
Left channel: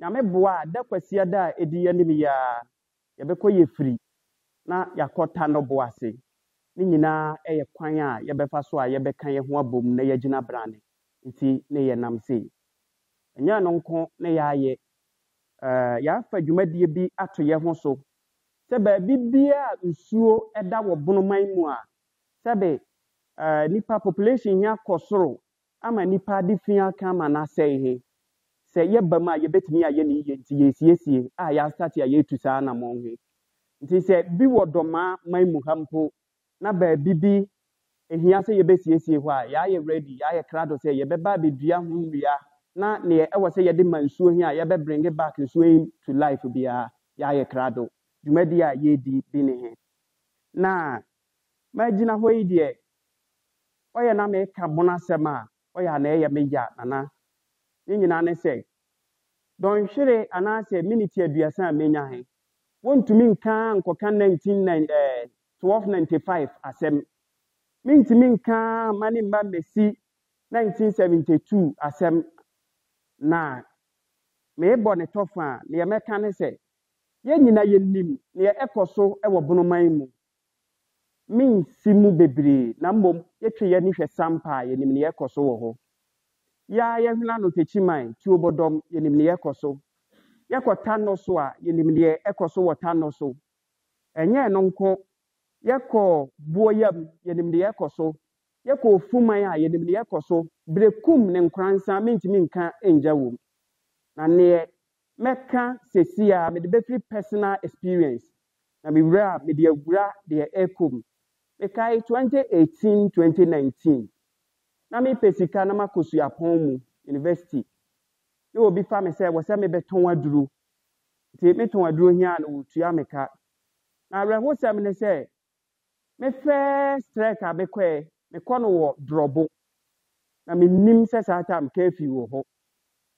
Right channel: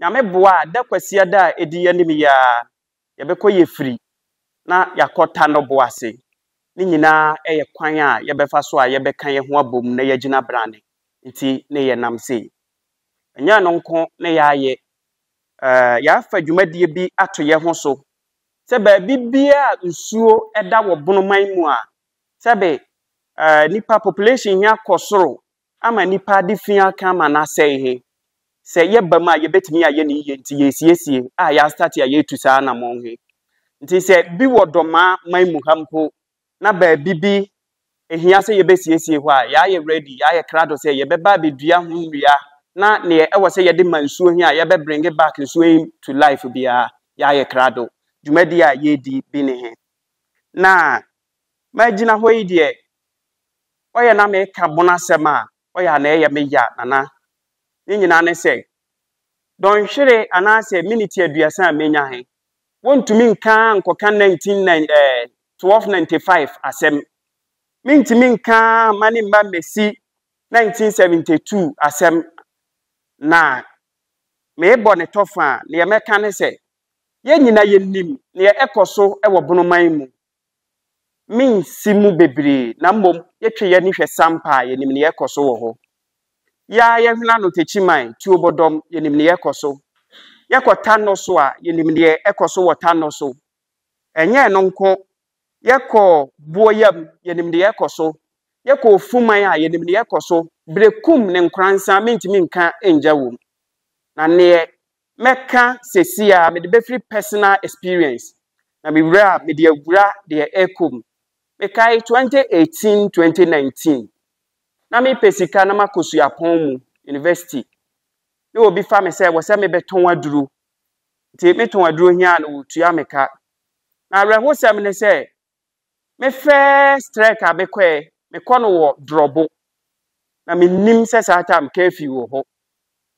nyame boa da kwasia da edi yanim ya ye bekoye free na yakota no boase ni nyina kwan a ye befa so a ye beka ye ho abom na ye gina brane nti ne ye nam sei enya no nko ne ya ye ya fa dwumadie bi ato ye ho so se ba bibia nsuo eda wo bonoman mu a se be nipa population ya kosoro ama nipa difia ka ma na sei he se ye ba ma ye betimi a ye ne ye nti ye siesie a ya start ya ye tu saa na mo he nti se bi wodoma man mu hampo na ba bibi ehia se ye besiesie ho a ya ye ready ya ye krado se ye beba bedua ho nwia na ne e wo se ye de mansuo hi a ye be bring back nsuo to life bia ya ye krado dwumadi a ye di bi ne he na magina ho yi de oye na me ka bonasem a oye na ye me ya nana ni nyina ne se don hwere anase minute aduasa a menya he wontumi nka nkoka 1295 asem mintimi nka mani mba mesi 1972 asem na me bo ne tofa ne ye meka ne se ye nyina ye nim ne ye ekoso e wo bonoman mu min simu bebre na mbom ye twe ye ni hwe sampa ye nim ne ye ekoso wo ho ya ye hwena no techiman ti obodom ye nim ne ye ekoso ye kwota no so a ye nim ne ekoso wota no so enye no nko yeko boyam yenim de yekoso yeko fuman a yenim de yekoso brekum ne nkransa mentimi nka enjawom na ne meka sesia me de befri personal experience na me wura me de awura de ekom me kai 2018 2019 na me pesika na makosu yapon mu university ne obi fa me se wo se me beton aduru ti me ton aduru hia na wotua meka na reho se me ne se me first strike abekwe me kono wo drobo na me nim se sa time kafi wo ho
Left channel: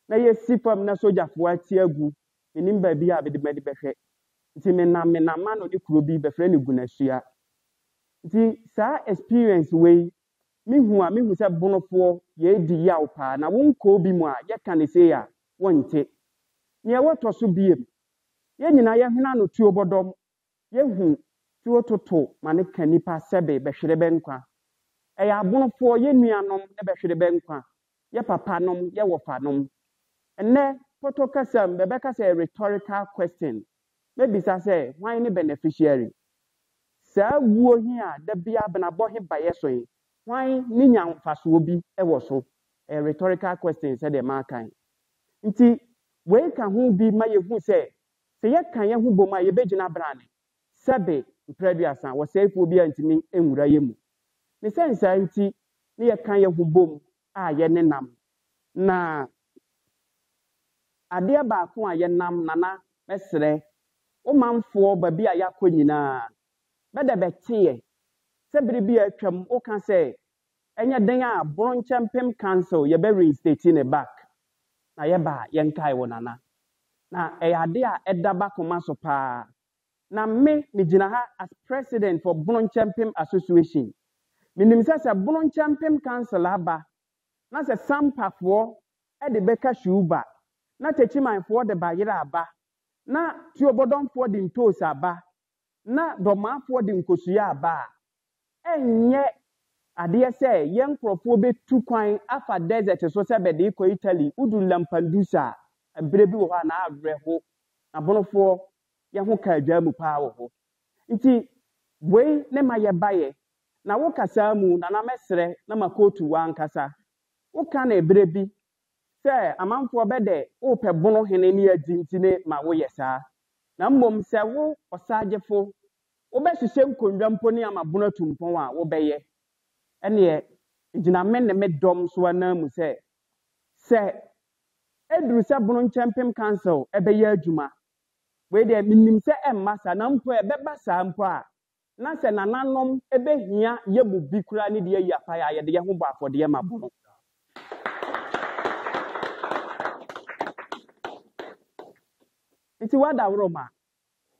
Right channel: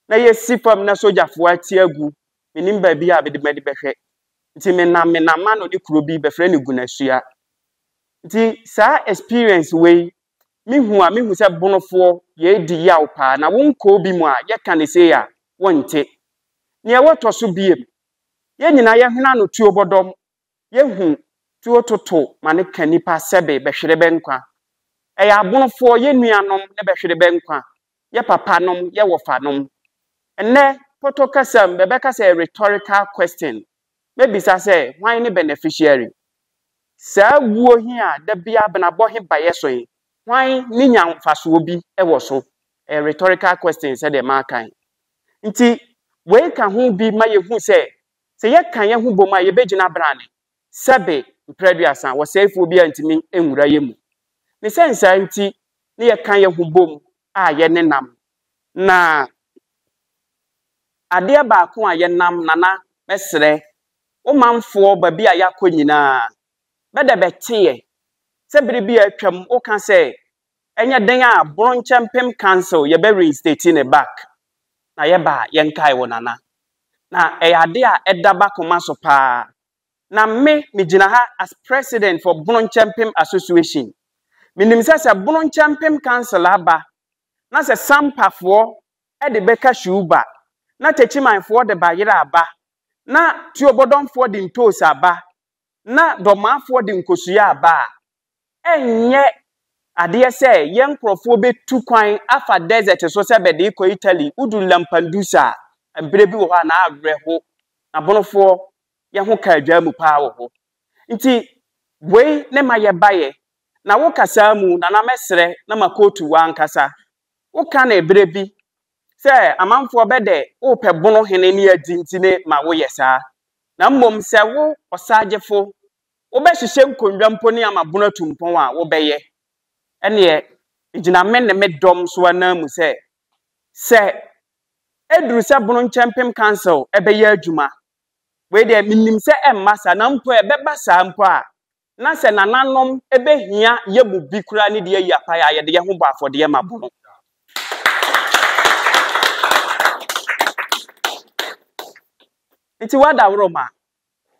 na ye sifam na sojafo ati agu me nim ba bi a be de medi behwe nti me na ma no de kuro bi befre ne gunasua nti sa experience we mihu se bonofo ye di yaw pa na wonko bi mu a ye ka ne se ya wonte ne woto so biem ye nyina ye hena no tuo bodom ye hu tuo toto ma ne ka nipa sebe behwere benkwa eya bonofo ye nuanom ne behwere benkwa ye papa nom ye wofanom enne poto kasam bebe kasa rhetorical question maybe say why ne beneficiary sa wuo hi a da bia bena bo he baye so yi why ni nya mfaso bi ewo so a rhetorical question say the man kan nti we ka ho bi ma ye hu say ye kan ye hu bom a ye begina brane sebe mpreduasa wo sefo bi antimi enwura ye mu ne sense nti ne ye kan ye hu bom a ye nenam na ade ba ko a ye nam nana mesre o manfo ba bi a yakọ nyina beda betiye se biribi atwam o kan se enya den a Bronchempem Council ye be reinstate ne back na ye ba ye nkai wo nana na ade a edaba koma so pa na me gina ha as president for Bronchempem Association minim se Bronchempem Council aba na se sampafo e de beka shuba na techimanfo de bayira aba na tuobodonfo de ntos aba na domafo de nkosuya aba enye ade se ye nkrofo betu kwan afa desert so se bede ko Italy udu Lampedusa ebrebi wo ha na avreho na bonofo ye ho ka adwa mu pa wo ho nti we ne maye baye na wo kasa mu na mesre na makotu wa nkasa wo ka na ebrebi se amanfo bede wo pe bono hene ne adi ntine ma wo yesa na mmom se wo osagefo wo be hihye nkondwa mponi amabono tumpon a wo beye ene igina men ne medom so na mu se edru se Bronchempem Council ebeye adwuma we de minim se emmasa na mpo ebeba sa mpo a na se nananom ebehia yebu bikura ne de yapa ya ye de ho bo afode ye mabono nti wada wroma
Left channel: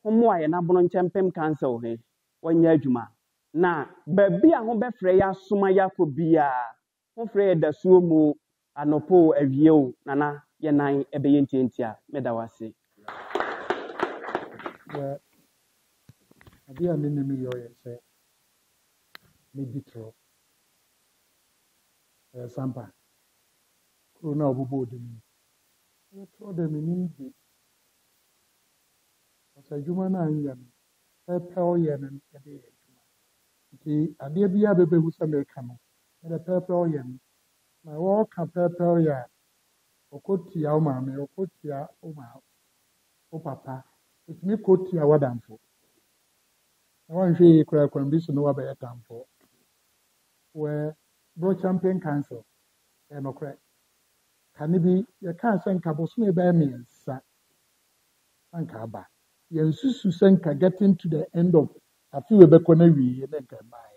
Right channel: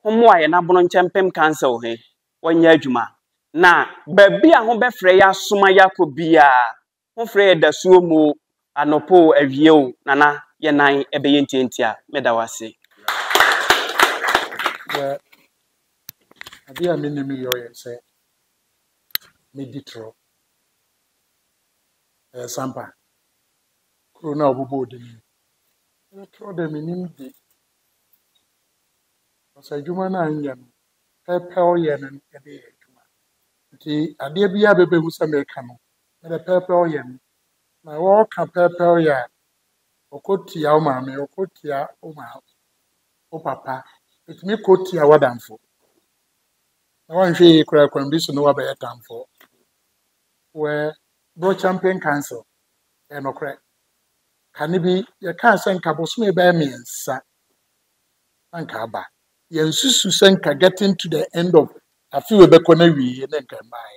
homo aye na Bronchempem Council he wanya adwuma na babi a ho befre ya soma yakobia ho fre da suo mu anopo awie o nana ye nan ebeye ntientia medawase ade a menim yo ye se meditro sampa corona obubo de ni tro de menim di asa juma na anya no pepe o ye no ede juma nti ade bia bebe hu se me ka no ede pepe o ye no na wo ka pepe o ya okotia o ma me okotia o ma o papa etimi kotia wadamfo na wan hwe kura kwambi so no wa be yatamfo we Bronchempem Council enokre kanibi ye ka senka boso e be miensa anka aba ye nsusu senka getting to the end of afi we be kona wi ne nka mai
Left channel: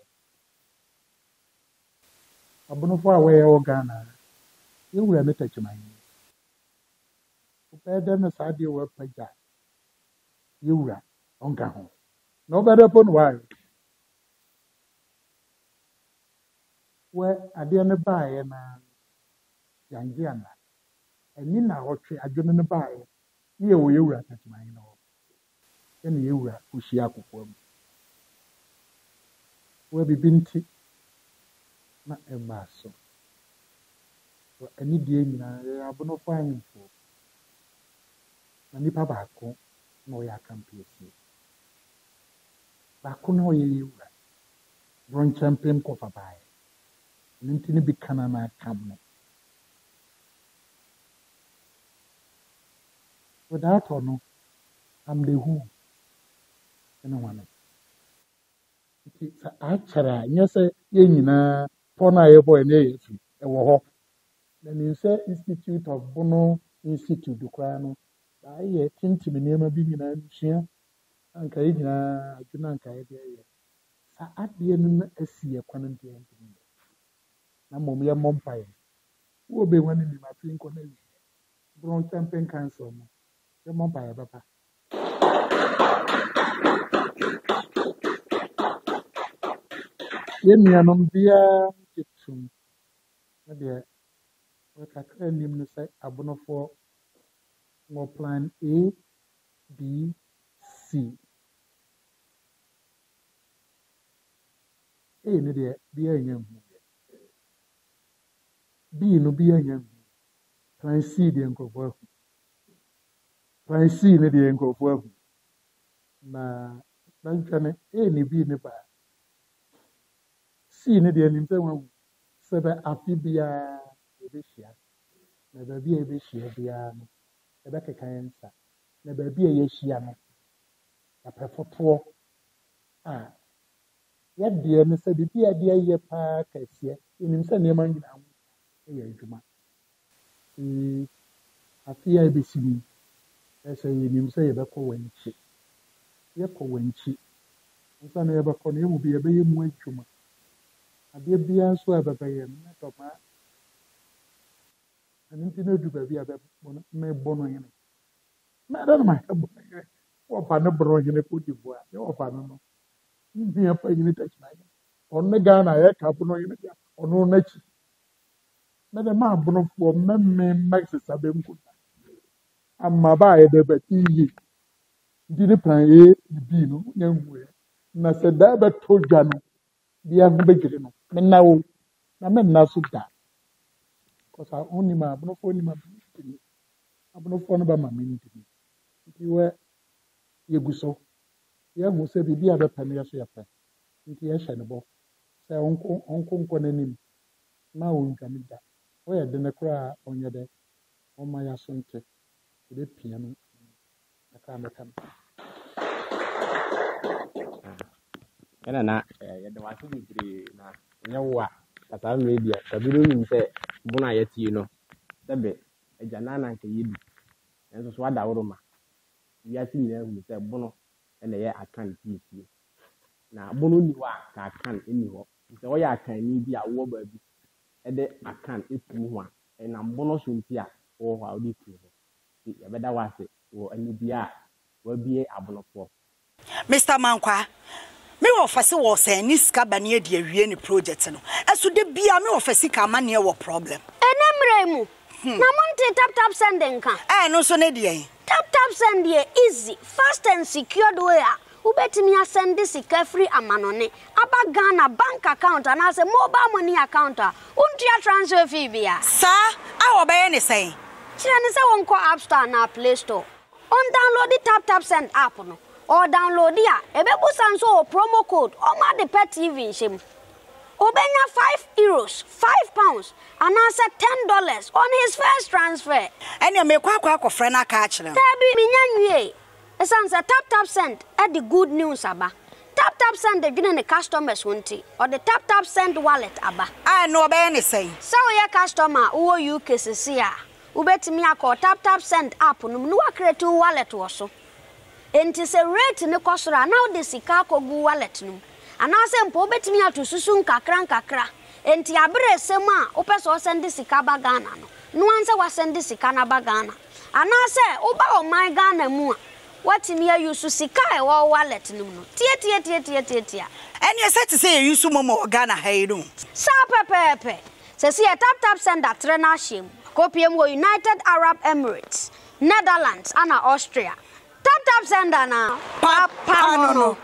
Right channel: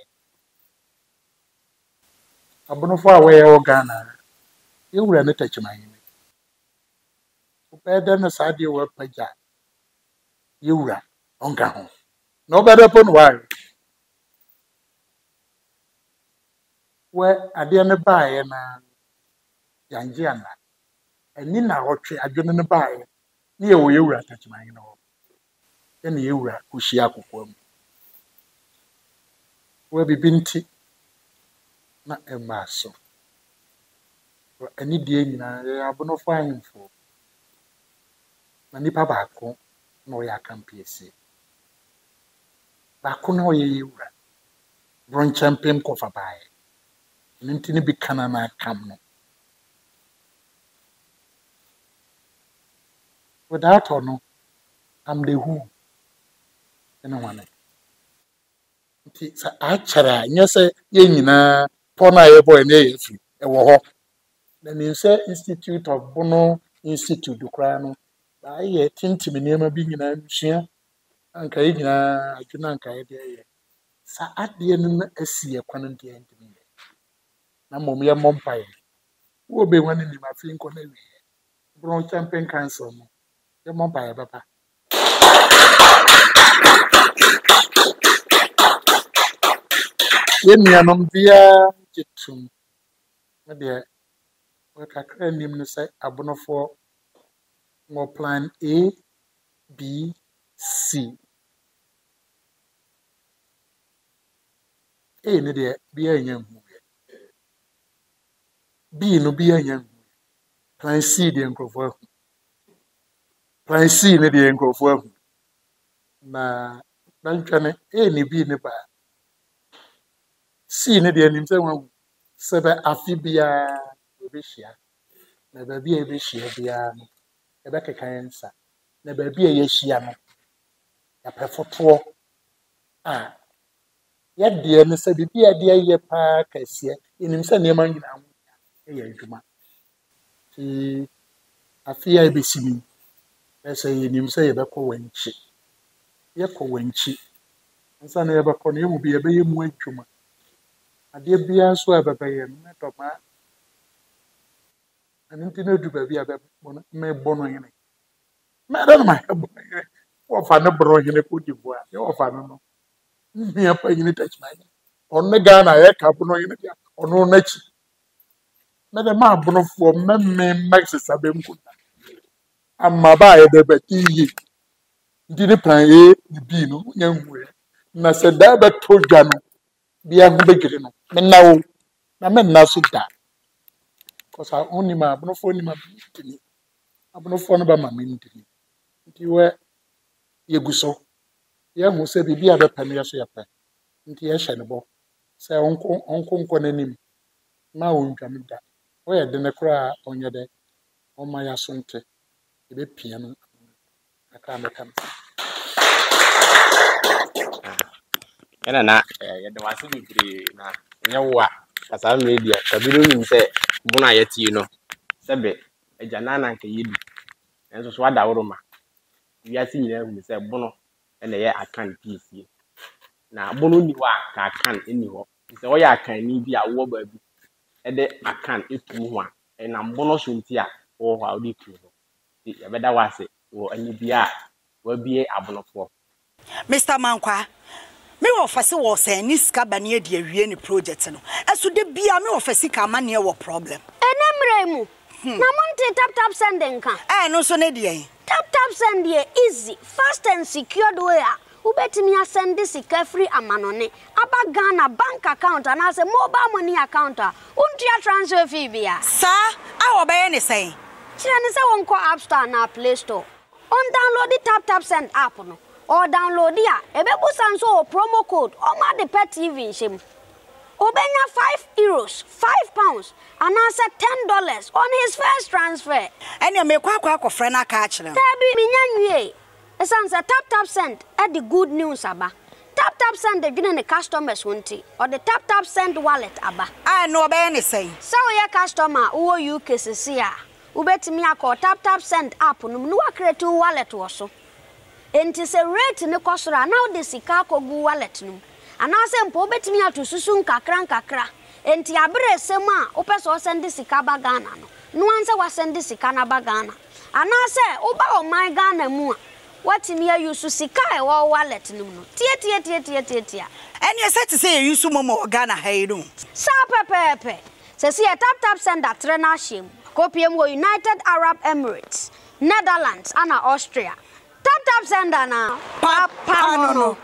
abonofo a we Ghana ye wura ne tachiman upede na sade we paja ye wura onka ho no better pon why we ade ne baaye na yanje ana ani na hotwe adwene ne baaye ne ye wo ye wura tachiman no ene ye wura kuhia akokwam we bibinti na emaso ani die nyina ya abonofo anyimfo na nipa baako na o ya kampiesi baako na o ye wura Bronchempem kofa baaye nintini bi kana na kam no without no am the who ena wane nti sa achara nyese ye nyina pona ye boy na ye fi e wo ho na ni se Institute of Bono Institute kra no ba ye tintimi niam bi nyina nsua anka ye nyina adwuna anka ye de ye sa ade no asi ye kwan de ntimi na mom ye mompaye wo be wane ni ma fi nko na wi Bronchempem Council no ye mompaye papa ye nuanom bia tum na de we kakra nim no say abonofo mo plan A B C A ne de bi anya hu B no bi anya hu plan C de nkrofo ahu plan C ne de nkrofo ahu na ntwane A ne B ne ba C ne de nim say wan sebe afi bia ebehia na ba bia ebehia bia no ebe kekan nsa na ba bia yehia no ya prefoto a ya de ne se bibia de ye pa kase enim se ne man nyina ho ya adwuma ti afia ebesimi ese enim se ye bekọ wanchi ye kọ wanchi nsa na ye bekọ no emu bi ye be yemu adwuma ade bia so ababaye no to ma aninti na du ba bia be me bono yene me da ma wo fa ne bro yene ko dibo a ye wo fa no mi apa yene touch my on ga na ye ka bono yene dia ono na chi me da ma bono fo me max sabem ko amma ba ye be beti yi ndi ne plan A ni B no nya hu na se da ba to dwa no bia ho begire no me na wo na me na so da cause only ma abonofo ni ma bitini abonofo no ba ma me ndini nti we yeguso ye hu se bibia be pam ye so ye pa nti ye hye ne bo se onko nanim na ontwam da wo ye de ne kra onye de o ma ya so nte e be pia no aka me kam ena na ye de wase bibiri na nye wo a kasa media kabiro nim se bona yetie no sebe agya na nka yedu enso so wada woroma wiase nyina hu se bono ena ye akan piesie na bono ni wa ka akan eni ho se wo ya akan ni bi a wo ba bi e de akan etu ho a ena bono so nti a wo ho a wo de tu ho ti ye beda wase wo ani bi a wa bie abonofo Mr. Mankwa me wo fase wo se ni sika bane e de awie ni project no eso de bia me wo fase ka ma ne wo problem enemremu na monte tap send nka no so ne de tap send ye easy fast and secured way a ubetimi asend sika free amanone aba Ghana bank account and as a mobile money account untia transfer fee bia sa a wo be ye ne say kire ne se wonko app store na play store on download the tap send app no or download ya ebebusa so promo code o ma de pet TV shim obenya €5 £5 and answer $10 on his first transfer ene me kwa akofre na ka akire tabi minyanwie esan se tap send e the good news aba tap send the gine ne customers wonti or the tap send wallet aba no be ne say so your customer wo UK sisi a ubetimi akọ tap send app no no create wallet wo so enti se rate ne kosora now the sika kogu wallet no anase mpo betimi atosusu nkakra enti abere sema opeso send sika ba Ghana no anse wa send sika na ba Ghana anase oba o my Ghana mu a watimi ayusu sika e wo wallet no tie ene se te say yusu momo Ghana hayiru sa pepepe se si tap send atre na him kopiem wo United Arab Emirates Netherlands and Austria tap send na papa no